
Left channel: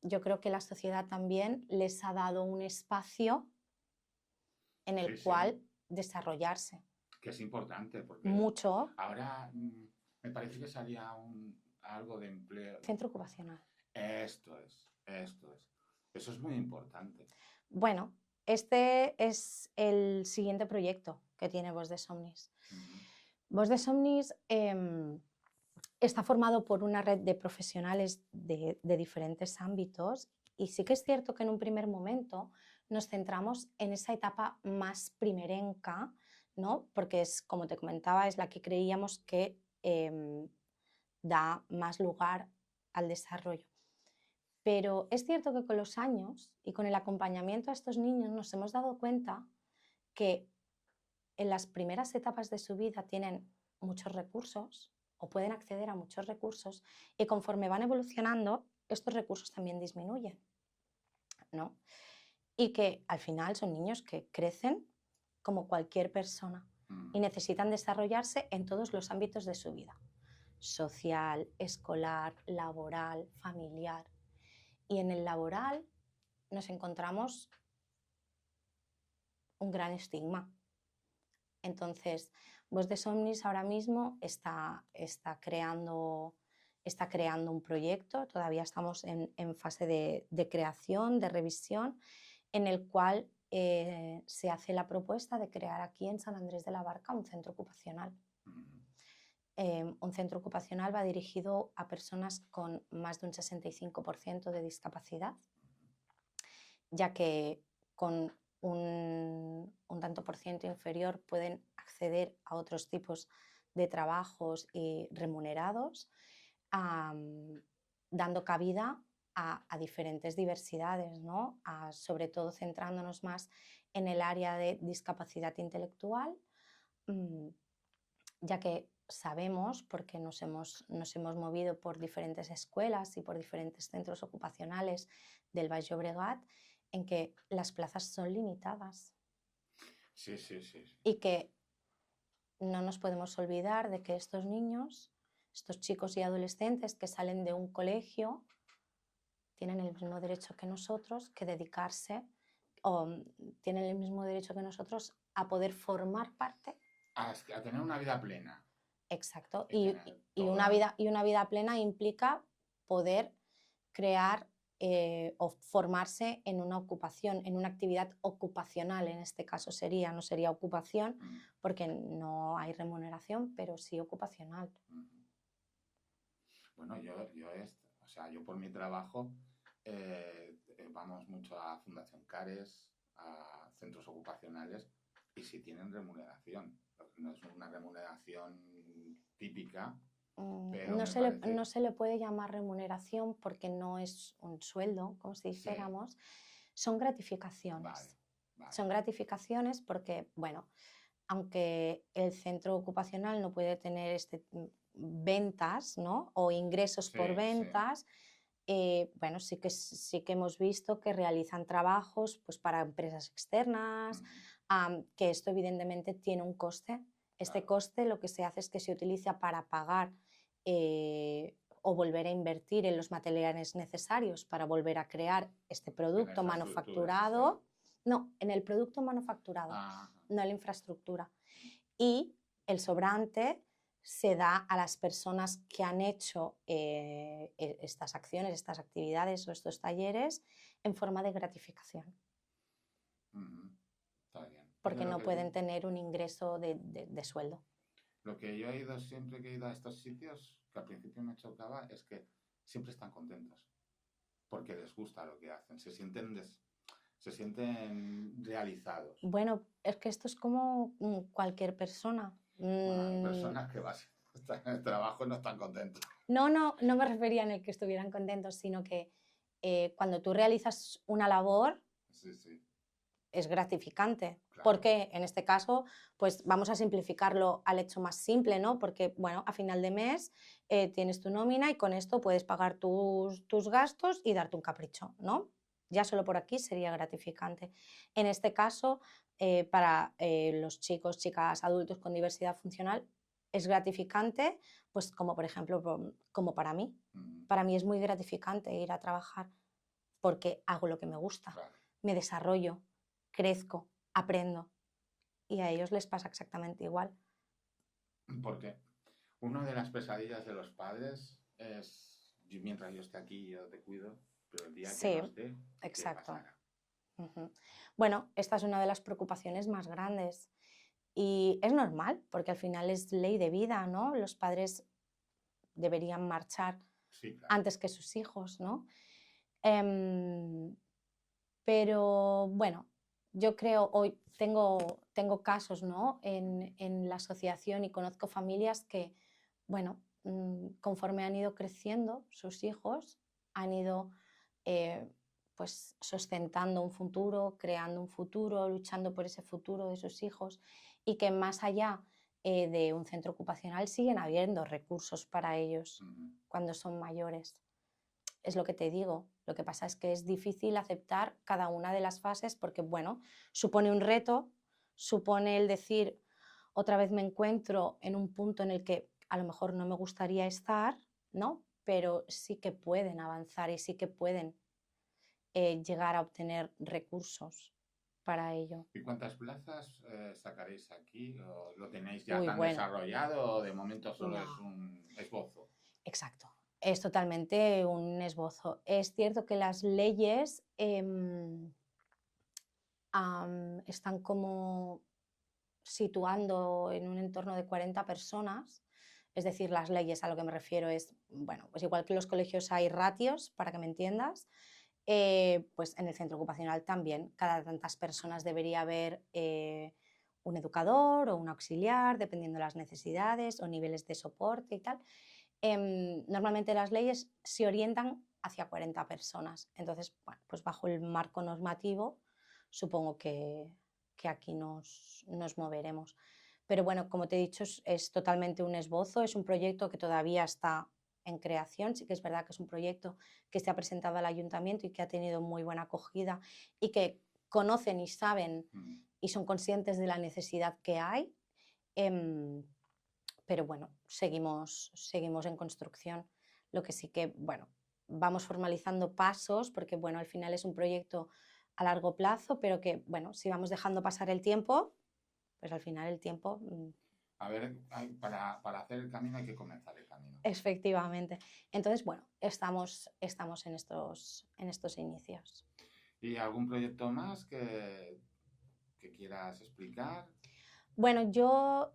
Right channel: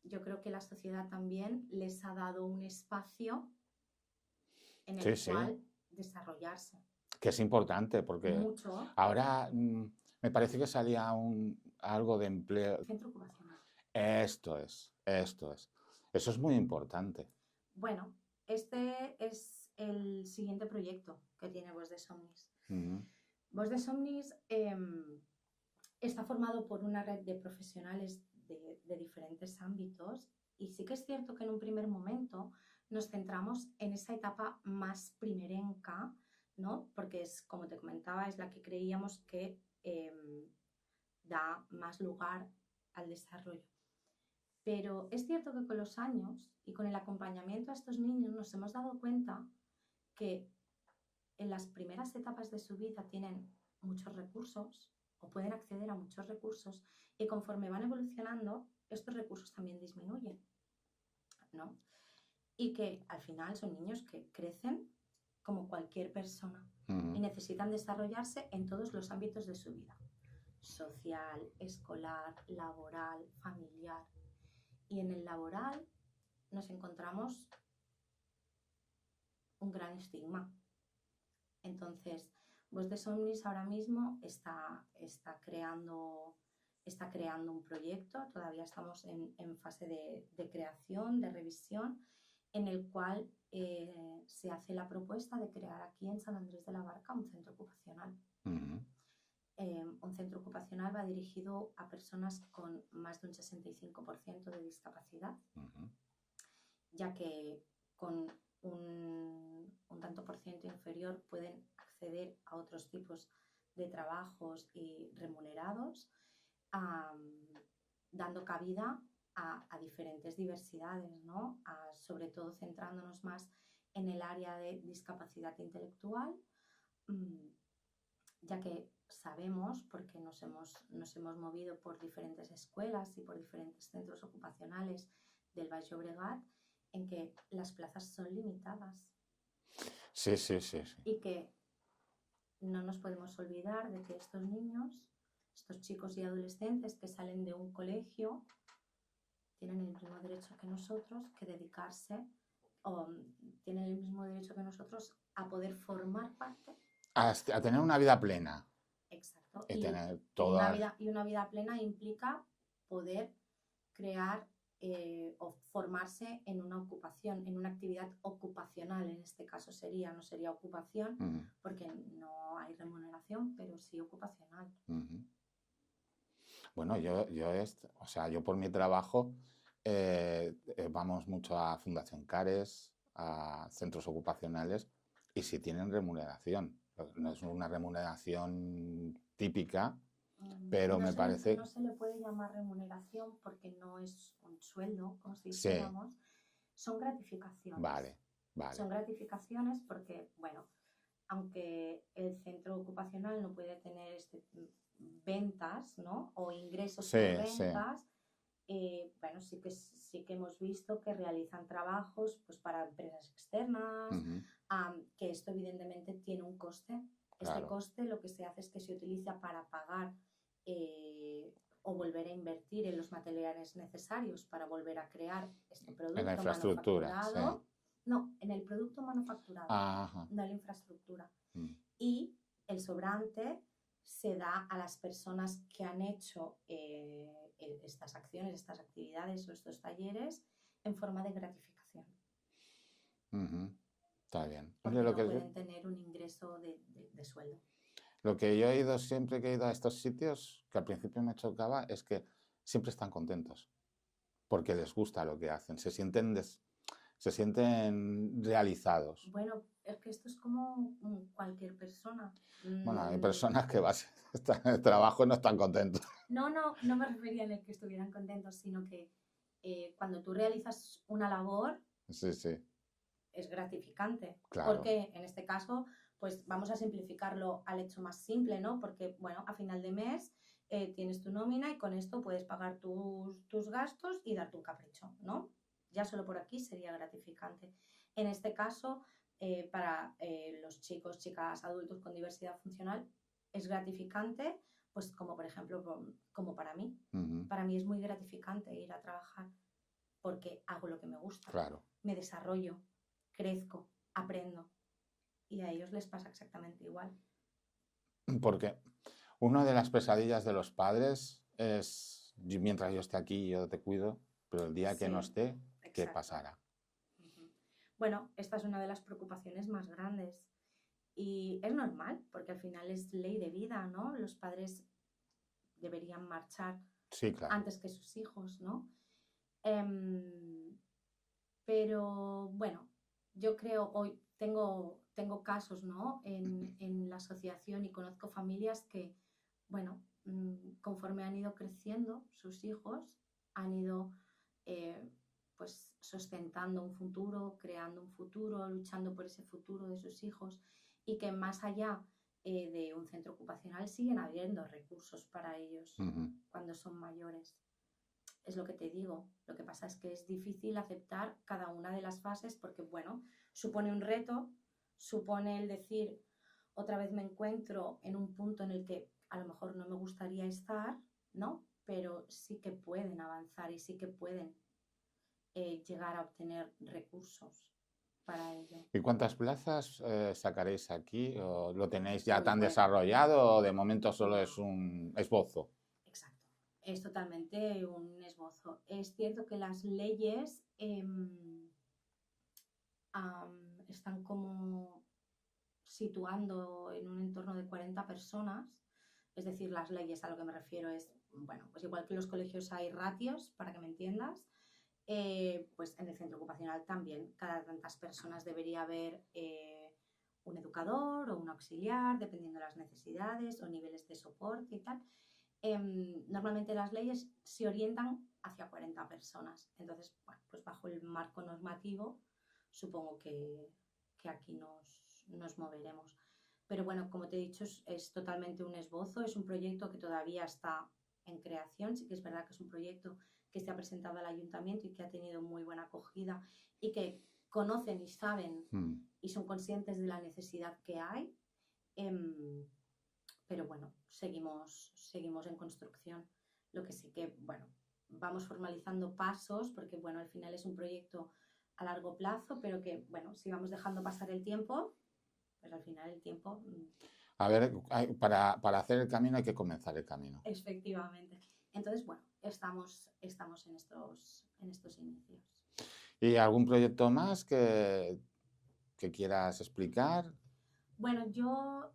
yo creo que la sociedad también les ha dado un espacio en el cual desarrollarse. Que es importante, porque mucho. Ahora me parece que salía algo de empleo. Centro ocupacional. Esto es. Eso es muy importante. Bueno, este es el siguiente proyecto que tiene Voz de Somnis. Voz de Somnis está formado por una red de profesionales de diferentes ámbitos, y sí que es cierto que en un primer momento nos centramos en esa etapa más primerenca, ¿no? Porque es, como te comentaba, es la que creíamos que da más lugar al desarrollo. Pero es cierto que con los años y con el acompañamiento a estos niños nos hemos dado cuenta que en las primeras etapas de su vida tienen muchos recursos o pueden acceder a muchos recursos, y conforme van evolucionando estos recursos también disminuyen, ¿no? Y que al final son niños que crecen como cualquier persona y necesitan desarrollarse en todos los ámbitos de su vida: social, escolar, laboral, familiar. Y en el laboral nos encontramos un gran estigma. Entonces, Voz de Somnis ahora mismo está creando un proyecto, todavía estamos en fase de creación, de revisión, en el cual se hace la propuesta de crear aquí en San Andrés de la Barca un centro ocupacional. Un centro ocupacional va dirigido a personas con más de un 65% de discapacidad, ya que con un tanto por ciento inferior pueden acceder a otros tipos de trabajos y remunerados, dando cabida a diferentes diversidades, ¿no? Sobre todo centrándonos más en el área de discapacidad intelectual, ya que sabemos, porque nos hemos movido por diferentes escuelas y por diferentes centros ocupacionales del Baix Llobregat, en que las plazas son limitadas. Sí. Y que no nos podemos olvidar de que estos niños, estos chicos y adolescentes que salen de un colegio, tienen el mismo derecho que nosotros que dedicarse, o tienen el mismo derecho que nosotros a poder formar parte. A tener una vida plena. Exacto. Y una vida plena implica poder crear o formarse en una ocupación, en una actividad ocupacional, en este caso no sería ocupación, porque no hay remuneración, pero sí ocupacional. Bueno, yo por mi trabajo vamos mucho a Fundación Cares, a centros ocupacionales, y sí tienen remuneración. No es una remuneración típica, pero me parece... No se le puede llamar remuneración porque no es un sueldo, como si dijéramos. Son gratificaciones. Vale. Son gratificaciones porque, bueno, aunque el centro ocupacional no puede tener ventas, ¿no? O ingresos por Sí, sí. ventas, bueno, sí que hemos visto que realizan trabajos pues, para empresas externas, Ujú, que esto evidentemente tiene un coste. Este claro. coste lo que se hace es que se utiliza para pagar o volver a invertir en los materiales necesarios para volver a crear este En la producto infraestructura, sí. manufacturado. No, en el producto manufacturado, Ajá. no en la infraestructura. Mm, Y el sobrante se da a las personas que han hecho estas acciones, estas actividades o estos talleres en forma de gratificación, ujú, está bien. Oye, porque no pueden tener un ingreso de sueldo. lo que yo he oído siempre que he ido a estos sitios, que al principio me chocaba, es que siempre están contentos, porque les gusta lo que hacen, se sienten realizados. Bueno, es que esto es como cualquier persona. Bueno, hay personas que están en el trabajo y no están contentos. No me refería en el que estuvieran contentos, sino que cuando tú realizas una labor, Sí, sí, es gratificante. claro. Porque en este caso, pues vamos a simplificarlo al hecho más simple, ¿no? Porque, bueno, a final de mes tienes tu nómina y con esto puedes pagar tus gastos y darte un capricho, ¿no? Ya solo por aquí sería gratificante. En este caso, para los chicos, chicas, adultos con diversidad funcional, es gratificante, pues como por ejemplo, como para mí. Ujú, Para mí es muy gratificante ir a trabajar porque hago lo que me gusta, claro. me desarrollo, crezco, aprendo. Y a ellos les pasa exactamente igual. Porque una de las pesadillas de los padres es, mientras yo esté aquí, yo te cuido, pero el día que no Sí, esté, ¿qué exacto. pasará? Ujú. Bueno, esta es una de las preocupaciones más grandes y es normal porque al final es ley de vida, ¿no? Los padres deberían marchar Sí, claro. antes que sus hijos, ¿no? Em, pero bueno, yo creo, hoy tengo casos, ¿no? En la asociación y conozco familias que, bueno, conforme han ido creciendo sus hijos, han ido eh, pues sustentando un futuro, creando un futuro, luchando por ese futuro de sus hijos y que más allá de un centro ocupacional siguen habiendo recursos para ellos Ujú, cuando son mayores. Es lo que te digo. Lo que pasa es que es difícil aceptar cada una de las fases porque, bueno, supone un reto, supone el decir, otra vez me encuentro en un punto en el que a lo mejor no me gustaría estar, ¿no? Pero sí que pueden avanzar y sí que pueden llegar a obtener recursos para ello. ¿Y cuántas plazas sacaréis aquí? ¿O lo tenéis ya Uy, tan bueno, desarrollado o de momento solo es no, un esbozo? exacto. Es totalmente un esbozo. Es cierto que las leyes están como situando en un entorno de 40 personas, es decir, las leyes a lo que me refiero es, bueno, pues igual que en los colegios hay ratios, para que me entiendas, pues en el centro ocupacional también, cada tantas personas debería haber un educador o un auxiliar, dependiendo de las necesidades o niveles de soporte y tal. Normalmente las leyes se orientan hacia 40 personas, entonces, bueno, pues bajo el marco normativo supongo que aquí nos moveremos. Pero bueno, como te he dicho, es totalmente un esbozo, es un proyecto que todavía está en creación, sí que es verdad que es un proyecto que se ha presentado al ayuntamiento y que ha tenido muy buena acogida y que conocen y saben Mm. y son conscientes de la necesidad que hay, pero bueno, seguimos en construcción. Lo que sí que, bueno, vamos formalizando pasos porque, bueno, al final es un proyecto a largo plazo, pero que, bueno, si vamos dejando pasar el tiempo, pues al final el tiempo, A ver, para hacer el camino hay que comenzar el camino. efectivamente. Entonces, bueno, estamos en estos inicios. ¿Y algún proyecto más que quieras explicar? Bueno, yo,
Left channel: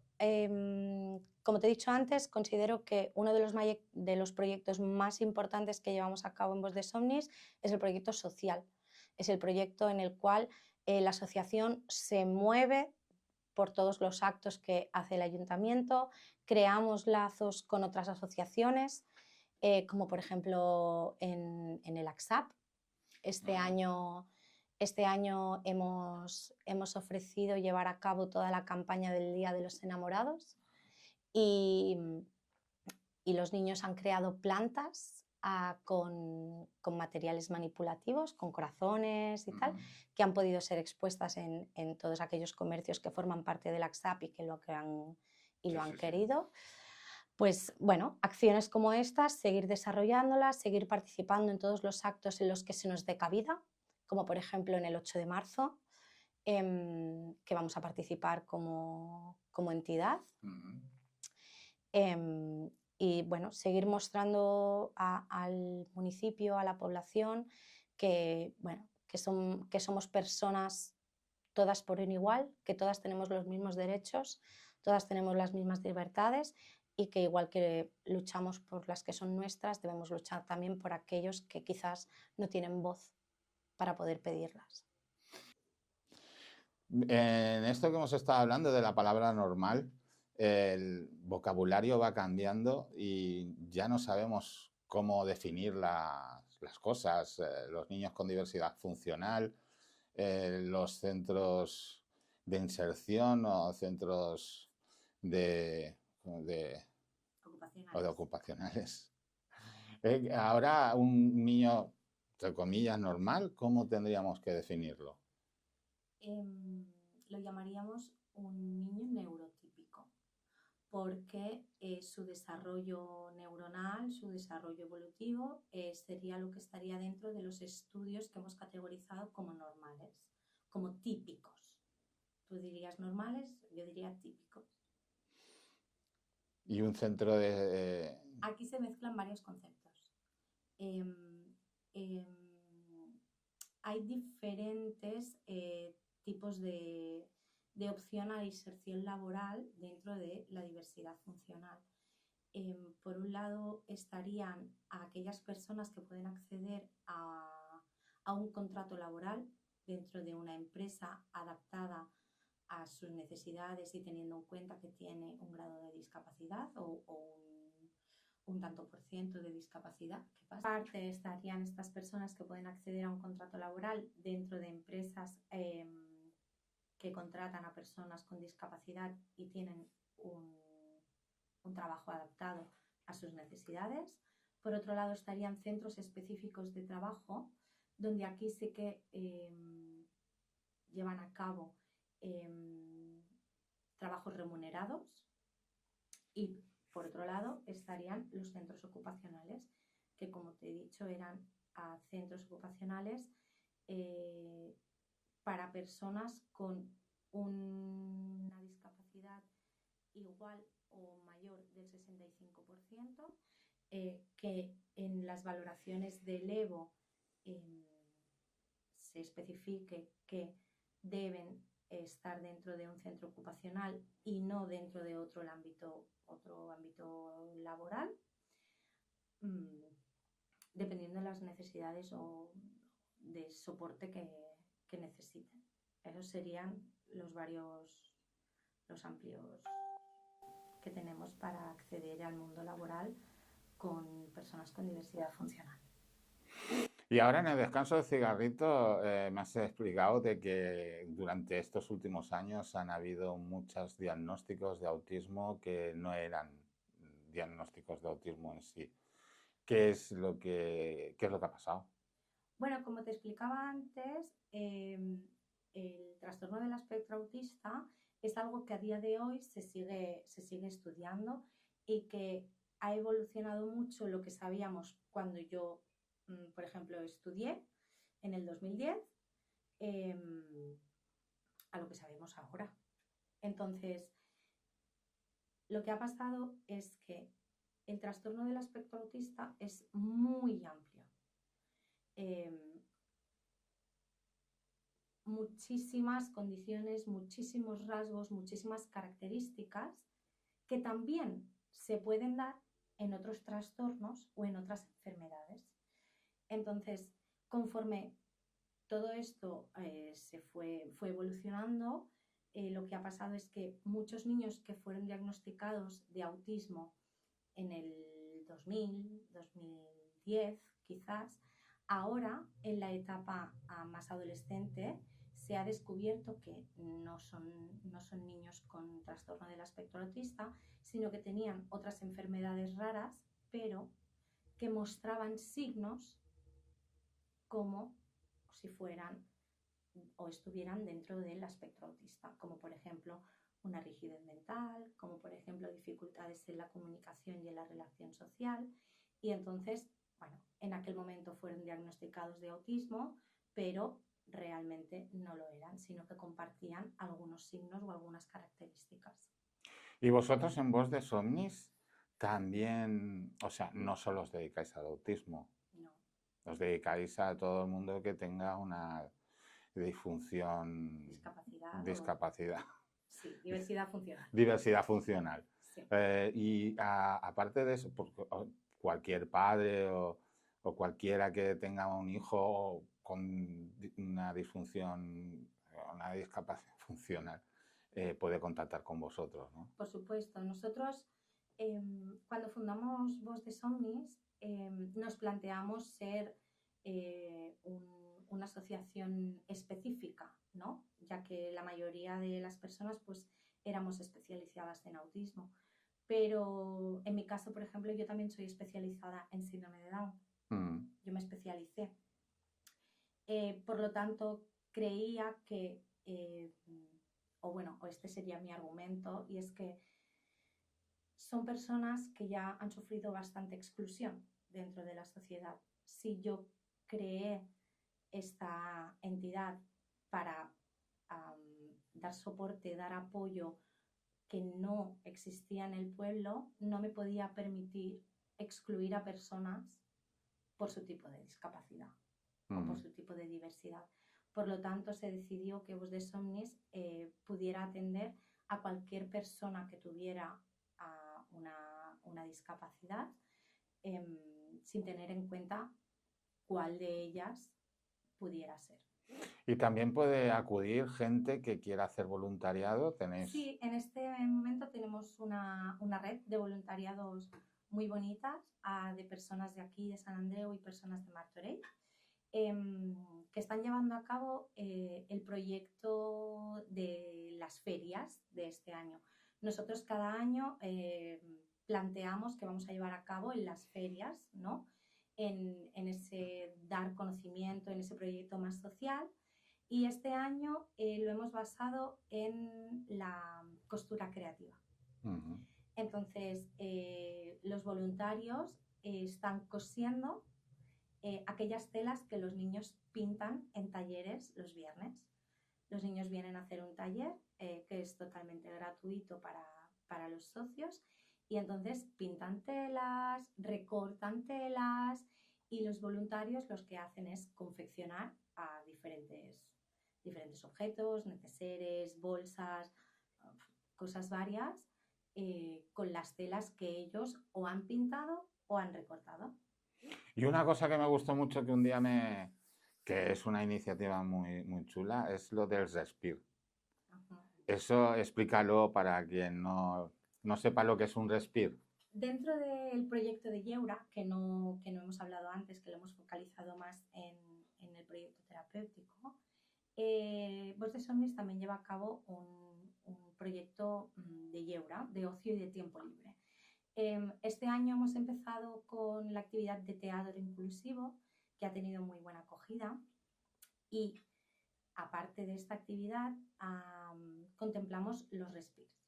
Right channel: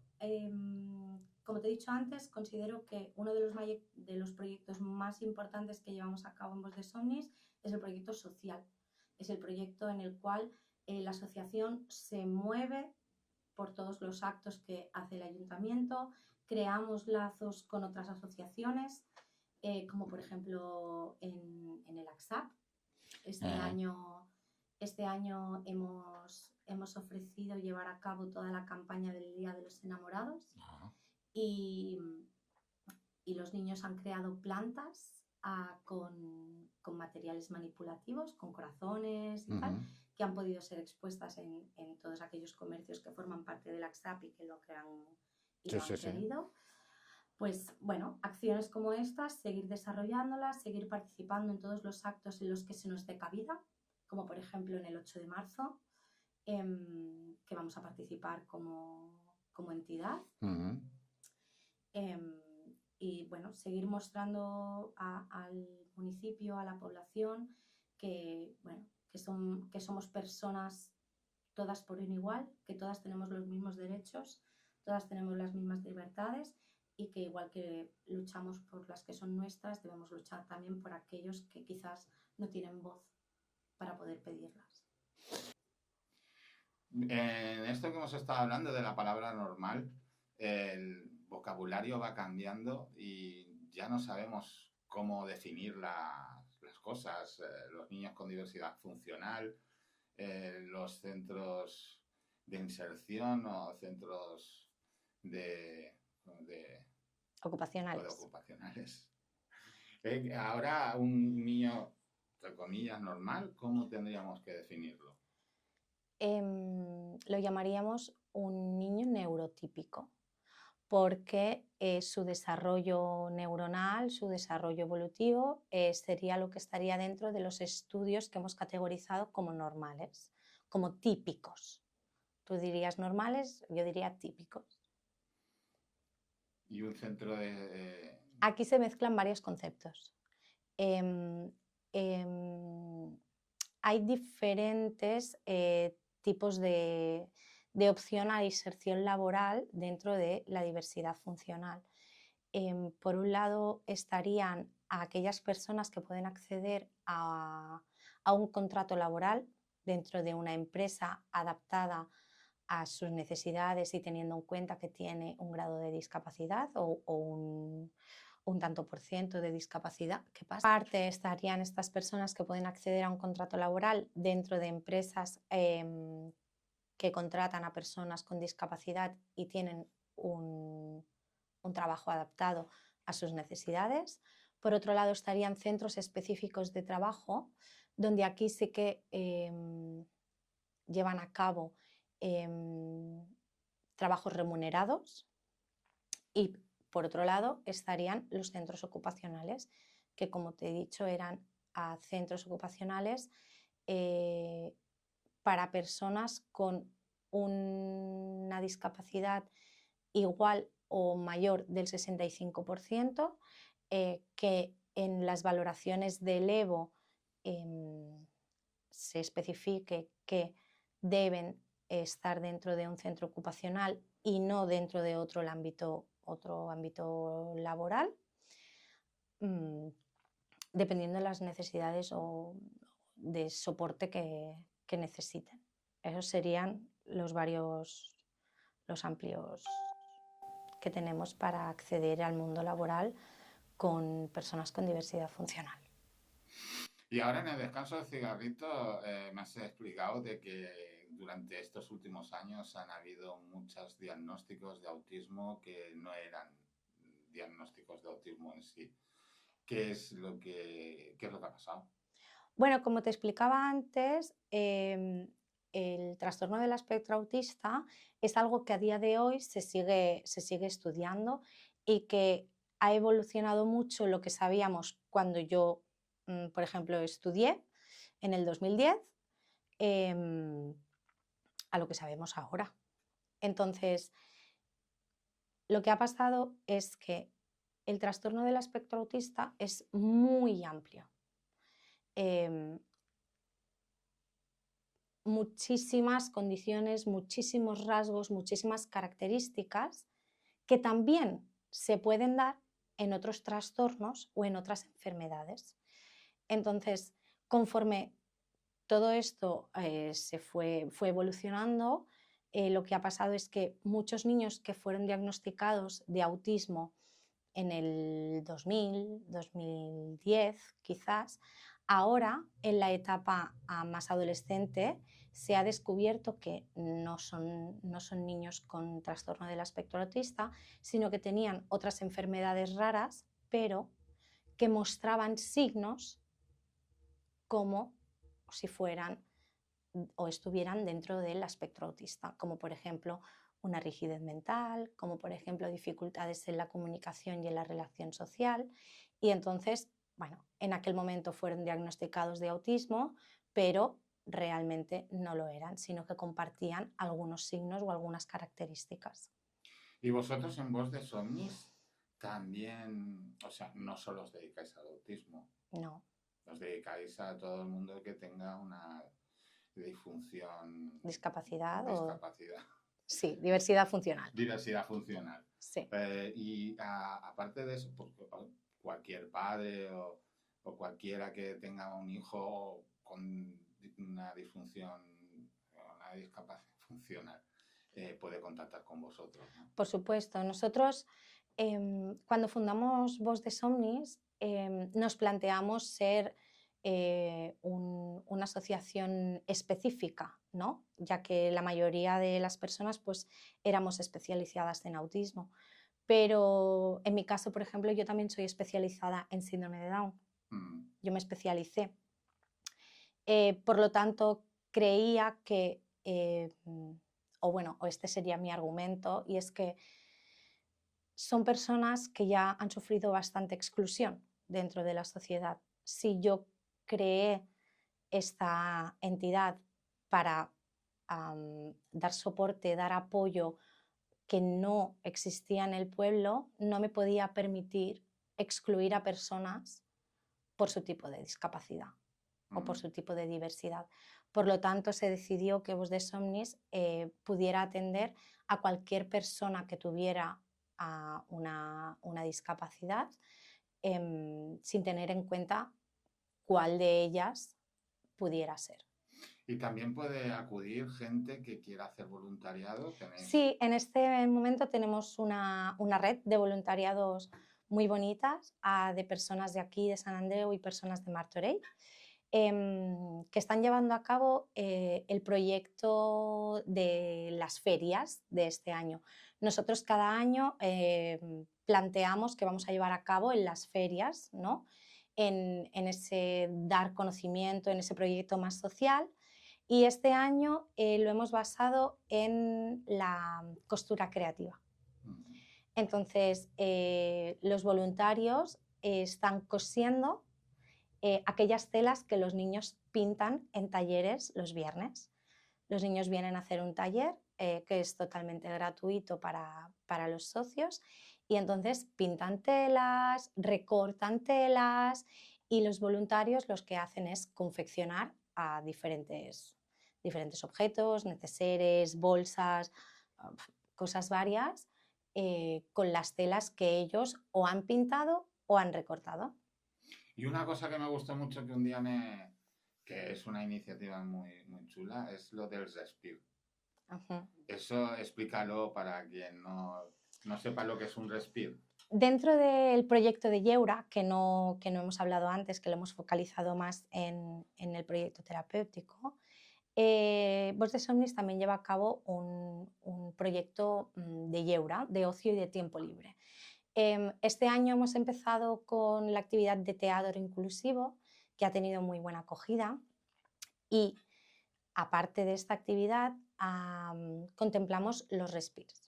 como te he dicho antes, considero que uno de los proyectos más importantes que llevamos a cabo en Voz de Somnis es el proyecto social. Es el proyecto en el cual la asociación se mueve por todos los actos que hace el ayuntamiento, creamos lazos con otras asociaciones, como por ejemplo en el AXAP. Este Ajá, año, este año hemos ofrecido llevar a cabo toda la campaña del Día de los Enamorados ajá. y y los niños han creado plantas con materiales manipulativos, con corazones y tal, que han podido ser expuestas en todos aquellos comercios que forman parte del AXAP y que lo han querido. Pues bueno, acciones como estas, seguir desarrollándolas, seguir participando en todos los actos en los que se nos dé cabida, como por ejemplo en el 8 de marzo, que vamos a participar como entidad. Y bueno, seguir mostrando al municipio, a la población, que, bueno, que somos personas todas por un igual, que todas tenemos los mismos derechos, todas tenemos las mismas libertades y que igual que luchamos por las que son nuestras, debemos luchar también por aquellos que quizás no tienen voz para poder pedirlas. En esto que hemos estado hablando de la palabra normal, el vocabulario va cambiando y ya no sabemos cómo definir las cosas. Los niños con diversidad funcional, los centros de inserción o centros ocupacionales. Ahora un niño, entre comillas, normal, ¿cómo tendríamos que definirlo? Lo llamaríamos un niño neurotípico, porque su desarrollo neuronal, su desarrollo evolutivo, sería lo que estaría dentro de los estudios que hemos categorizado como normales, como típicos. Tú dirías normales, yo diría típicos. Y un centro de... Aquí se mezclan varios conceptos. Hay diferentes tipos de opción a inserción laboral dentro de la diversidad funcional. Por un lado estarían aquellas personas que pueden acceder a un contrato laboral dentro de una empresa adaptada a sus necesidades y teniendo en cuenta que tiene un grado de discapacidad o un tanto por ciento de discapacidad. ¿Qué pasa? Aparte estarían estas personas que pueden acceder a un contrato laboral dentro de empresas que contratan a personas con discapacidad y tienen un trabajo adaptado a sus necesidades. Por otro lado estarían centros específicos de trabajo, donde aquí sí que llevan a cabo trabajos remunerados. Y por otro lado estarían los centros ocupacionales, que como te he dicho eran centros ocupacionales para personas con una discapacidad igual o mayor del 65%, que en las valoraciones del EVO se especifique que deben estar dentro de un centro ocupacional y no dentro de otro ámbito laboral, dependiendo de las necesidades o de soporte que necesiten. Esos serían los amplios que tenemos para acceder al mundo laboral con personas con diversidad funcional. Y ahora en el descanso del cigarrito me has explicado de que durante estos últimos años han habido muchos diagnósticos de autismo que no eran diagnósticos de autismo en sí. ¿Qué es lo que ha pasado? Bueno, como te explicaba antes, el trastorno del espectro autista es algo que a día de hoy se sigue estudiando y que ha evolucionado mucho lo que sabíamos cuando yo, por ejemplo, estudié en el 2010 a lo que sabemos ahora. Entonces, lo que ha pasado es que el trastorno del espectro autista es muy amplio. Muchísimas condiciones, muchísimos rasgos, muchísimas características que también se pueden dar en otros trastornos o en otras enfermedades. Entonces, conforme todo esto se fue evolucionando, lo que ha pasado es que muchos niños que fueron diagnosticados de autismo en el 2000, 2010 quizás, Ahora, en la etapa más adolescente, se ha descubierto que no son niños con trastorno del espectro autista, sino que tenían otras enfermedades raras, pero que mostraban signos como si fueran o estuvieran dentro del espectro autista, como por ejemplo una rigidez mental, como por ejemplo dificultades en la comunicación y en la relación social. Y entonces, bueno, en aquel momento fueron diagnosticados de autismo, pero realmente no lo eran, sino que compartían algunos signos o algunas características. Y vosotros en Voz de Somnis también, o sea, no solo os dedicáis al autismo, No. os dedicáis a todo el mundo que tenga una disfunción, Discapacidad discapacidad. Sí, diversidad funcional. Diversidad funcional. Sí. Aparte de eso, cualquier padre o cualquiera que tenga un hijo con una disfunción, una discapacidad funcional, puede contactar con vosotros, ¿no? Por supuesto. Nosotros, cuando fundamos Voz de Somnis, nos planteamos ser una asociación específica, ¿no? Ya que la mayoría de las personas pues, éramos especializadas en autismo. Pero en mi caso, por ejemplo, yo también soy especializada en síndrome de Down. Yo me especialicé. Por lo tanto, creía que, o este sería mi argumento, y es que son personas que ya han sufrido bastante exclusión dentro de la sociedad. Si yo creé esta entidad para dar soporte, dar apoyo que no existía en el pueblo, no me podía permitir excluir a personas por su tipo de discapacidad o por su tipo de diversidad. Por lo tanto, se decidió que Voz de Somnis pudiera atender a cualquier persona que tuviera una discapacidad sin tener en cuenta cuál de ellas pudiera ser. Y también puede acudir gente que quiera hacer voluntariado. ¿Tenéis? Sí, en este momento tenemos una red de voluntariados muy bonitas de personas de aquí, de San Andreu, y personas de Martorell, que están llevando a cabo el proyecto de las ferias de este año. Nosotros cada año planteamos que vamos a llevar a cabo en las ferias, ¿no? en ese dar conocimiento, en ese proyecto más social. Y este año lo hemos basado en la costura creativa. Entonces, los voluntarios están cosiendo aquellas telas que los niños pintan en talleres los viernes. Los niños vienen a hacer un taller que es totalmente gratuito para los socios, y entonces pintan telas, recortan telas, y los voluntarios los que hacen es confeccionar a diferentes objetos, neceseres, bolsas, cosas varias, con las telas que ellos o han pintado o han recortado. Y una cosa que me gustó mucho que un día que es una iniciativa muy, muy chula, es lo del Respir. Eso explícalo para quien no sepa lo que es un Respir. Dentro del proyecto de Yeura, que no hemos hablado antes, que lo hemos focalizado más en el proyecto terapéutico, Voz de Somnis también lleva a cabo un proyecto de Yeura, de ocio y de tiempo libre. Este año hemos empezado con la actividad de teatro inclusivo, que ha tenido muy buena acogida, y aparte de esta actividad contemplamos los respirs.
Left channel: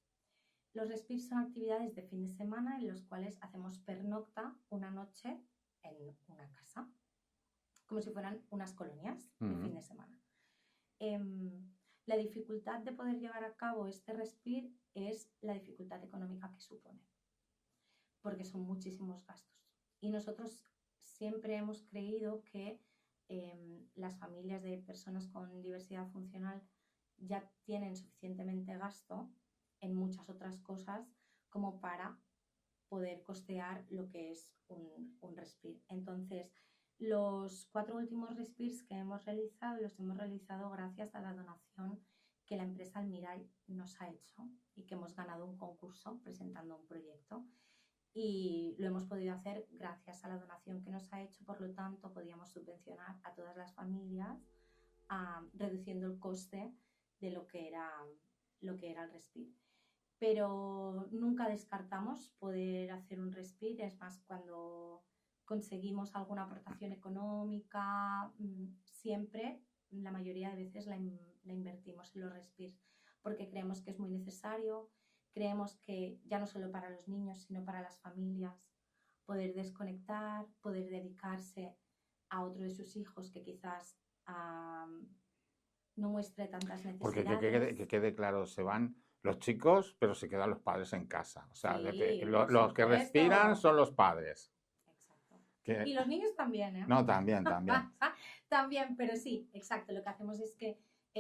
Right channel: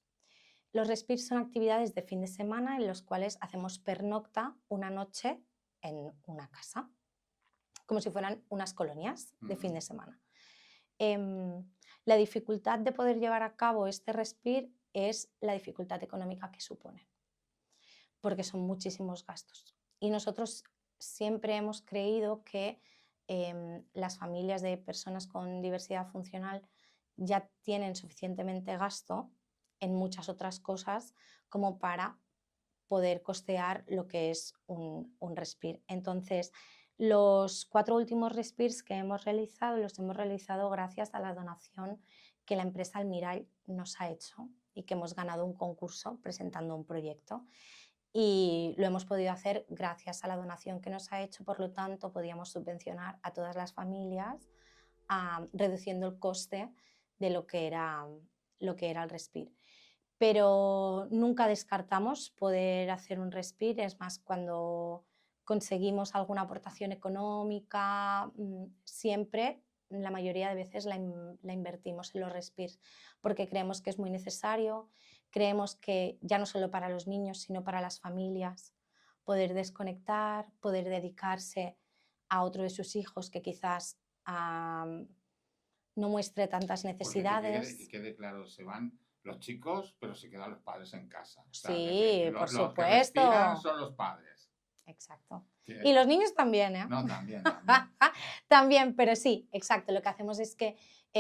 Los respirs son actividades de fin de semana en los cuales hacemos pernocta una noche en una casa, como si fueran unas colonias de fin de semana. La dificultad de poder llevar a cabo este respir es la dificultad económica que supone, porque son muchísimos gastos. Y nosotros siempre hemos creído que las familias de personas con diversidad funcional ya tienen suficientemente gasto en muchas otras cosas como para poder costear lo que es un respir. Entonces, los 4 últimos respirs que hemos realizado, los hemos realizado gracias a la donación que la empresa Almiral nos ha hecho, y que hemos ganado un concurso presentando un proyecto. y lo hemos podido hacer gracias a la donación que nos ha hecho, por lo tanto podíamos subvencionar a todas las familias reduciendo el coste de lo que era el Respir. Pero nunca descartamos poder hacer un Respir, es más, cuando conseguimos alguna aportación económica, siempre, la mayoría de veces la invertimos en los Respirs, porque creemos que es muy necesario, creemos que ya no solo para los niños, sino para las familias, poder desconectar, poder dedicarse a otro de sus hijos que quizás no muestre tantas Porque necesidades. que quede claro, se van los chicos, pero se quedan los padres en casa. O sea, Sí, por los que respiran supuesto. son los padres. Exacto. Que- Y los niños también, ¿eh? No, también, también. También, pero sí, exacto. Lo que hacemos es que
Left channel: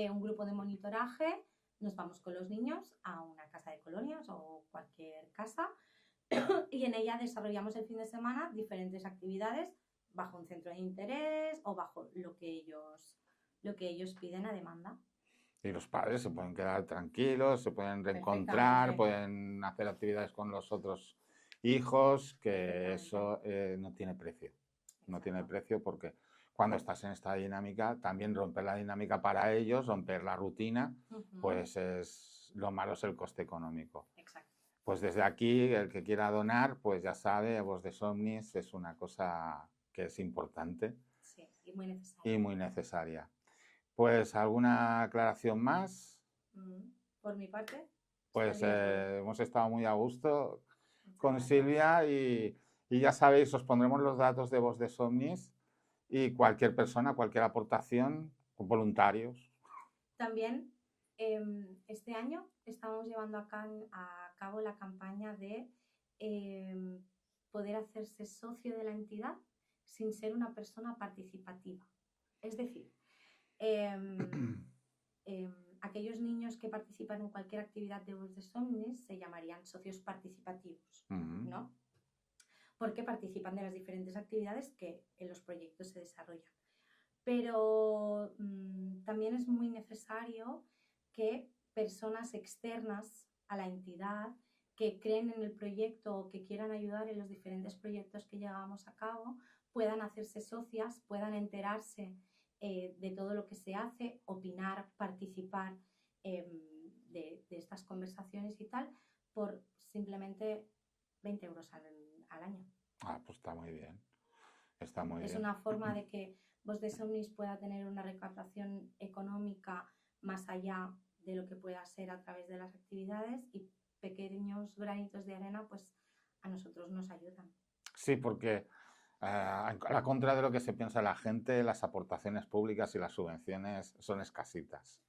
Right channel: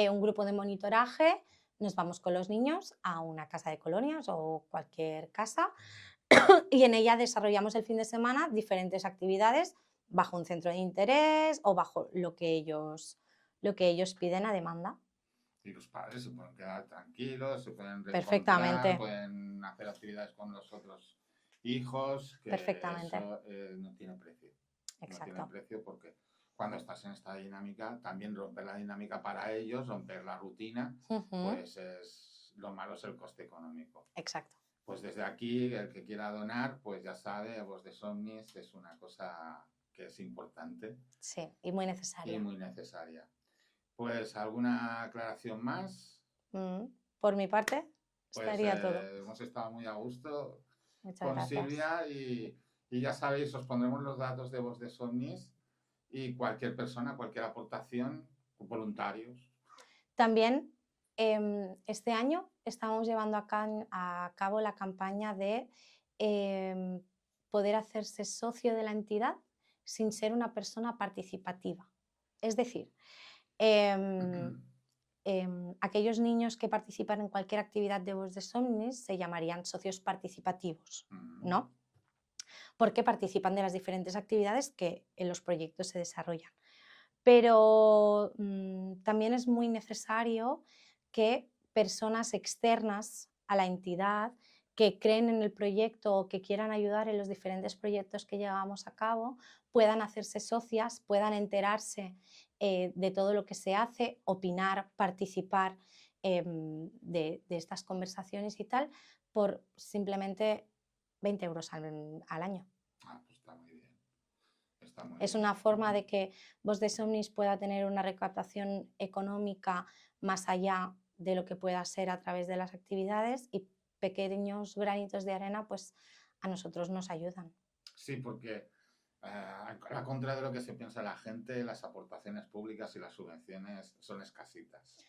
un grupo de monitoraje, nos vamos con los niños a una casa de colonias o cualquier casa y en ella desarrollamos el fin de semana diferentes actividades bajo un centro de interés o bajo lo que ellos piden a demanda. Y los padres se pueden quedar tranquilos, se pueden reencontrar, Perfectamente, pueden hacer actividades con los otros hijos, que perfectamente. eso no tiene precio. No tiene Exacto. precio porque cuando estás en esta dinámica, también romper la dinámica para ellos, romper la rutina, pues lo malo es el coste económico. Exacto. Pues desde aquí, el que quiera donar, pues ya sabe, Voz de Somnis es una cosa que es importante Sí, y muy necesaria. y muy necesaria. Pues, ¿alguna aclaración más? Por mi parte, Pues estaría todo. hemos estado muy a gusto Muchas con gracias. Silvia y ya sabéis, os pondremos los datos de Voz de Somnis y cualquier persona, cualquier aportación, voluntarios. También este año estamos llevando a cabo la campaña de poder hacerse socio de la entidad sin ser una persona participativa. Es decir, aquellos niños que participan en cualquier actividad de Voz de Somnis se llamarían socios participativos, ¿no? Porque participan de las diferentes actividades que en los proyectos se desarrollan. Pero también es muy necesario que personas externas a la entidad que creen en el proyecto o que quieran ayudar en los diferentes proyectos que llevamos a cabo puedan hacerse socias, puedan enterarse de todo lo que se hace, opinar, participar de estas conversaciones y tal, por simplemente 20 euros al año. Ah, pues está muy bien. Está muy Es bien. una forma de que Voz de Somnis pueda tener una recaptación económica más allá de lo que pueda ser a través de las actividades y pequeños granitos de arena pues a nosotros nos ayudan. Sí, porque a la contra de lo que se piensa la gente, las aportaciones públicas y las subvenciones son escasitas.